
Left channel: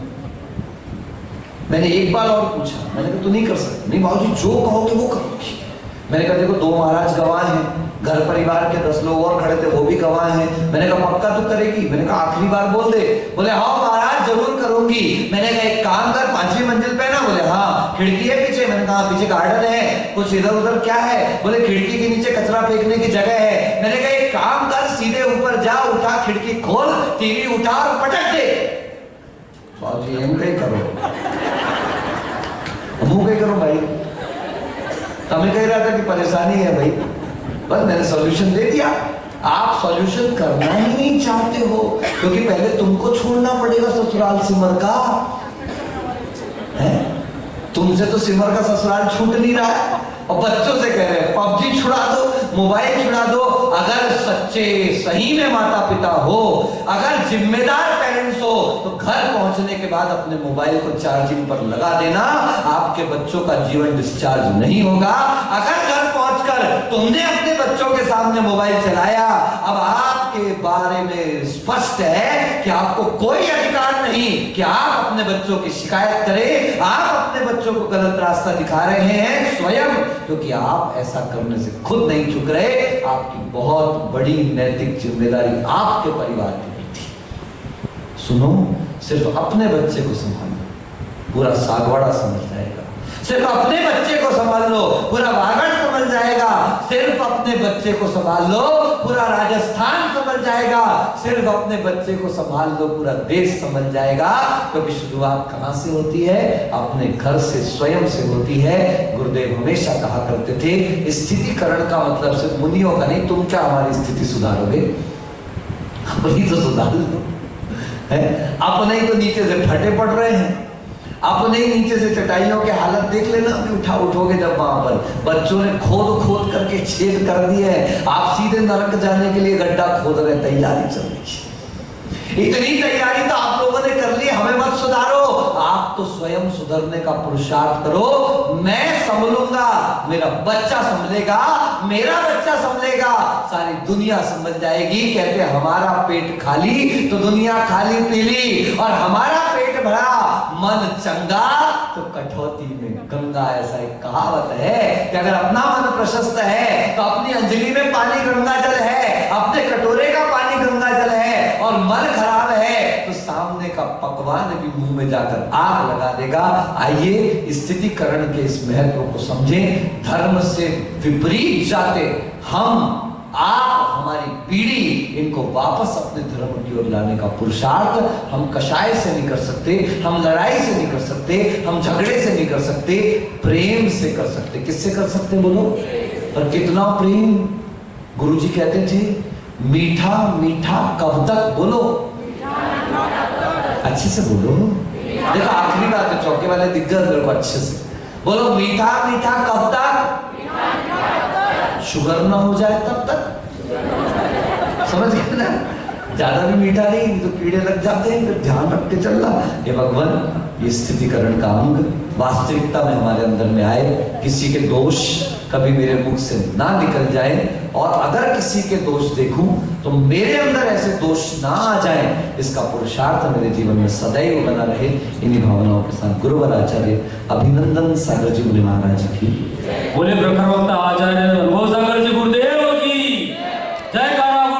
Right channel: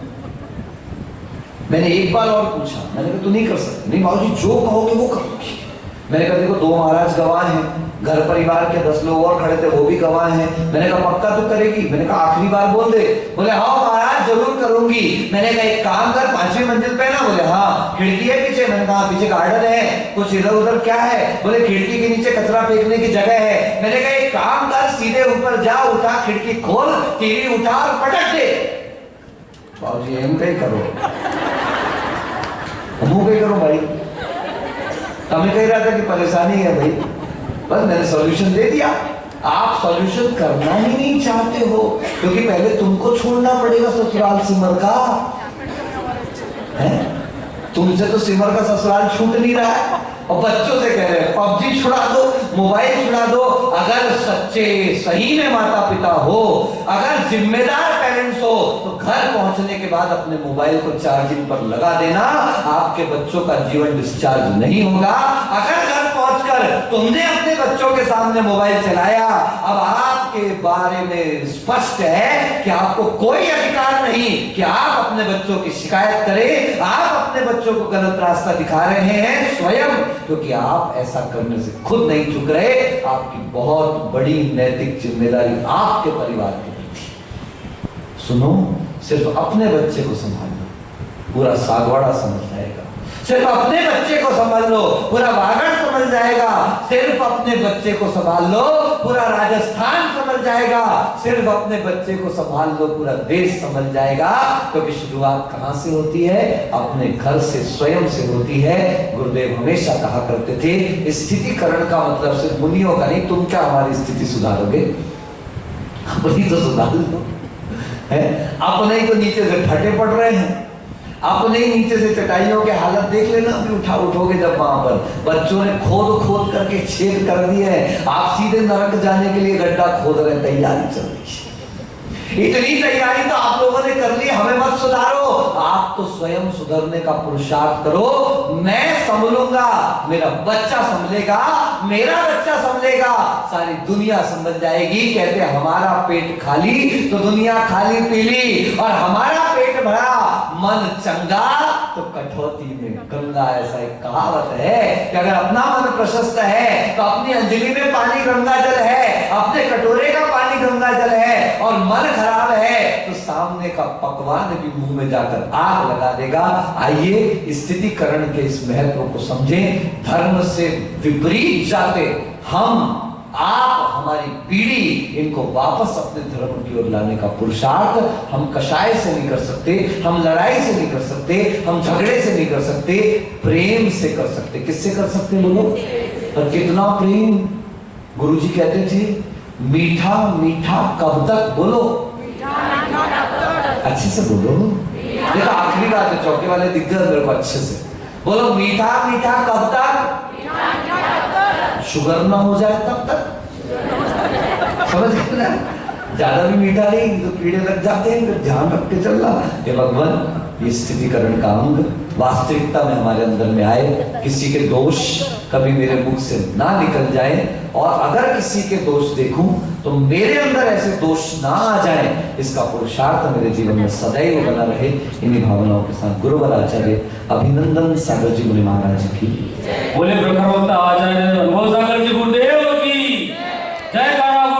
मैंने एक बार और पूछा, मैंने कहा तू नहीं कर सकते। नहीं बाबूजी जो कहोगे वो करोगे। मैंने कहा देखो 2 महाराज गवाह हैं, घर परिवार के 10 लोग और खड़े थे, वो भी गवाह हैं। मैंने कहा पक्का तू करेगी? मैंने कहा आखिरी बार बोल दे। बोले हाँ महाराज जरूर करूंगी। मैंने कहा एक काम कर, 5वीं मंजिल पे ना? बोले हाँ। खिड़की है पीछे? मैंने कहा पीछे गार्डन है, कुछ इधर उधर क्या है? बोले खिड़की के नीचे कचरा फेंकने की जगह है। मैंने कहा एक काम कर, सीधे ऊपर जा, उठा खिड़की खोल, टीवी उठा और पटक दे। बाबूजी एम कहीं करो, मुंह कहीं करो भाई। हमें कह रहा था कि परेशानी है भाई, बस मैंने सॉल्यूशन दे दिया। आप सॉल्यूशन करना ही नहीं चाहते हो, क्योंकि पहले तुमको छोड़ना पड़ेगा ससुराल सिमर का है। तुमसे तो सिमर का ससुराल छूट नहीं रहा है, और बच्चों से कह रहे हैं पबजी छुड़ा दो, मोबाइल छुड़ा दो। अगर सच्चे सही में माता पिता हो, अगर जिम्मेदार पेरेंट्स हो, तो घर पहुंचने के बाद अपने मोबाइल को चार्जिंग पर लगा देना, आपके बच्चों का जीवन डिस्चार्ज नहीं होगा। अगर घर पहुंचकर तुमने अपने बच्चों के सामने मोबाइल चलाया, अब आपके बारे में स्पष्ट है कि आपको कोई अधिकार नहीं कि आप अपने बच्चों की शिकायत करें, आप अपने बच्चों को गलत रास्ता दिखा रहे हैं स्वयं, क्योंकि आप ऐसा करने से खुद नहीं चुक रहे। आपकी बहुत बड़ी नैतिक जिम्मेदारी आपके परिवार की थी। सुनो, सिर्फ अपने बच्चे को संभालना, पूरा सागवाड़ा समझ जाएगा। सिर्फ अपने बच्चे को संभाल लो, पूरा वागड़ समझ जाएगा। सिर्फ अपने बच्चे को संभाल लो, पूरा राजस्थान समझ जाएगा। सिर्फ अपने बच्चे को संभाल लो, पूरा देश समझ जाएगा। क्योंकि शुरुआत कहां से होती है? अपने घर से, स्वयं से होती है। गुरुदेव हमेशा कहा करते थे, स्थितिकरण का मतलब सिर्फ मुनियों का नहीं। तुम क्या हमारी स्थिति सुधारोगे? अपनी तो सुधार लो है। अपने ही तो नीचे से फटे पड़ रहे हैं, अपने ही नीचे से चटाइयों के हालत देख लेना। अभी उठोगे जब वहां पर बच्चों ने खोद करके छेद कर दिए हैं, आप सीधे नरक जाने के लिए गड्ढा खोद रहे, तैयारी चल रही है। इतनी तैयारी तो आप लोगों ने कर ली, हमें मत सुधारो। आप तो स्वयं सुधरने का पुरुषार्थ करो। मैं संभलूंगा, मेरा बच्चा संभलेगा, मेरा बच्चा संभलेगा, सारी दुनिया संभल जाएगी। कहते हमारा पेट खाली तो दुनिया खाली पीली, और हमारा पेट भरा, मन चंगा तो कठौती में गंगा। ऐसा एक कहावत है कि अगर अपना मन प्रशस्त है तो अपनी अंजलि में पानी गंगा जल है, अपने कटोरे का पानी गंगा जल है, और मन खराब है तो सामने का पकवान भी मुंह में जाकर आग लगा देगा। आइए स्थितिकरण के इस महत्व को समझें। धर्म से विपरीत जाते हम, आप, हमारी पीढ़ी, इनको वापस अपने धर्म की ओर लाने का पुरुषार्थ हम कषाय से नहीं कर सकते, हम लड़ाई से नहीं कर सकते, हम झगड़े से नहीं कर सकते, प्रेम से कर सकते। किससे कर सकते बोलो? और कितना प्रेम। गुरुजी कहते थे मीठा मीठा कब तक? बोलो अच्छे से बोलो। देखो आखिरी बात है, चौके वाले दिग्गज मेरे को अच्छे से बोलो, मीठा मीठा कब तक? शुगर ना हो जाए तब तक। समझ गए ना? ज्यादा भी मीठा नहीं तो कीड़े लग जाते हैं, फिर ध्यान रख के चलना। ये भगवान, ये स्थितिकरण का अंग वास्तविकता में हमारे अंदर में आए। किसी के दोष कभी मेरे मुख से ना निकल जाए, और अगर किसी के दोष देखूं तो मेरे अंदर ऐसे दोष ना आ जाए, इसका पुरुषार्थ मेरे जीवन में सदैव बना रहे। इन्हीं भावनाओं के साथ गुरुवर आचार्य अभिनंदन सागर जी मुनि महाराज की बोले। प्रखर वक्ता आचार्य अनुभव सागर जी गुरुदेव की जय।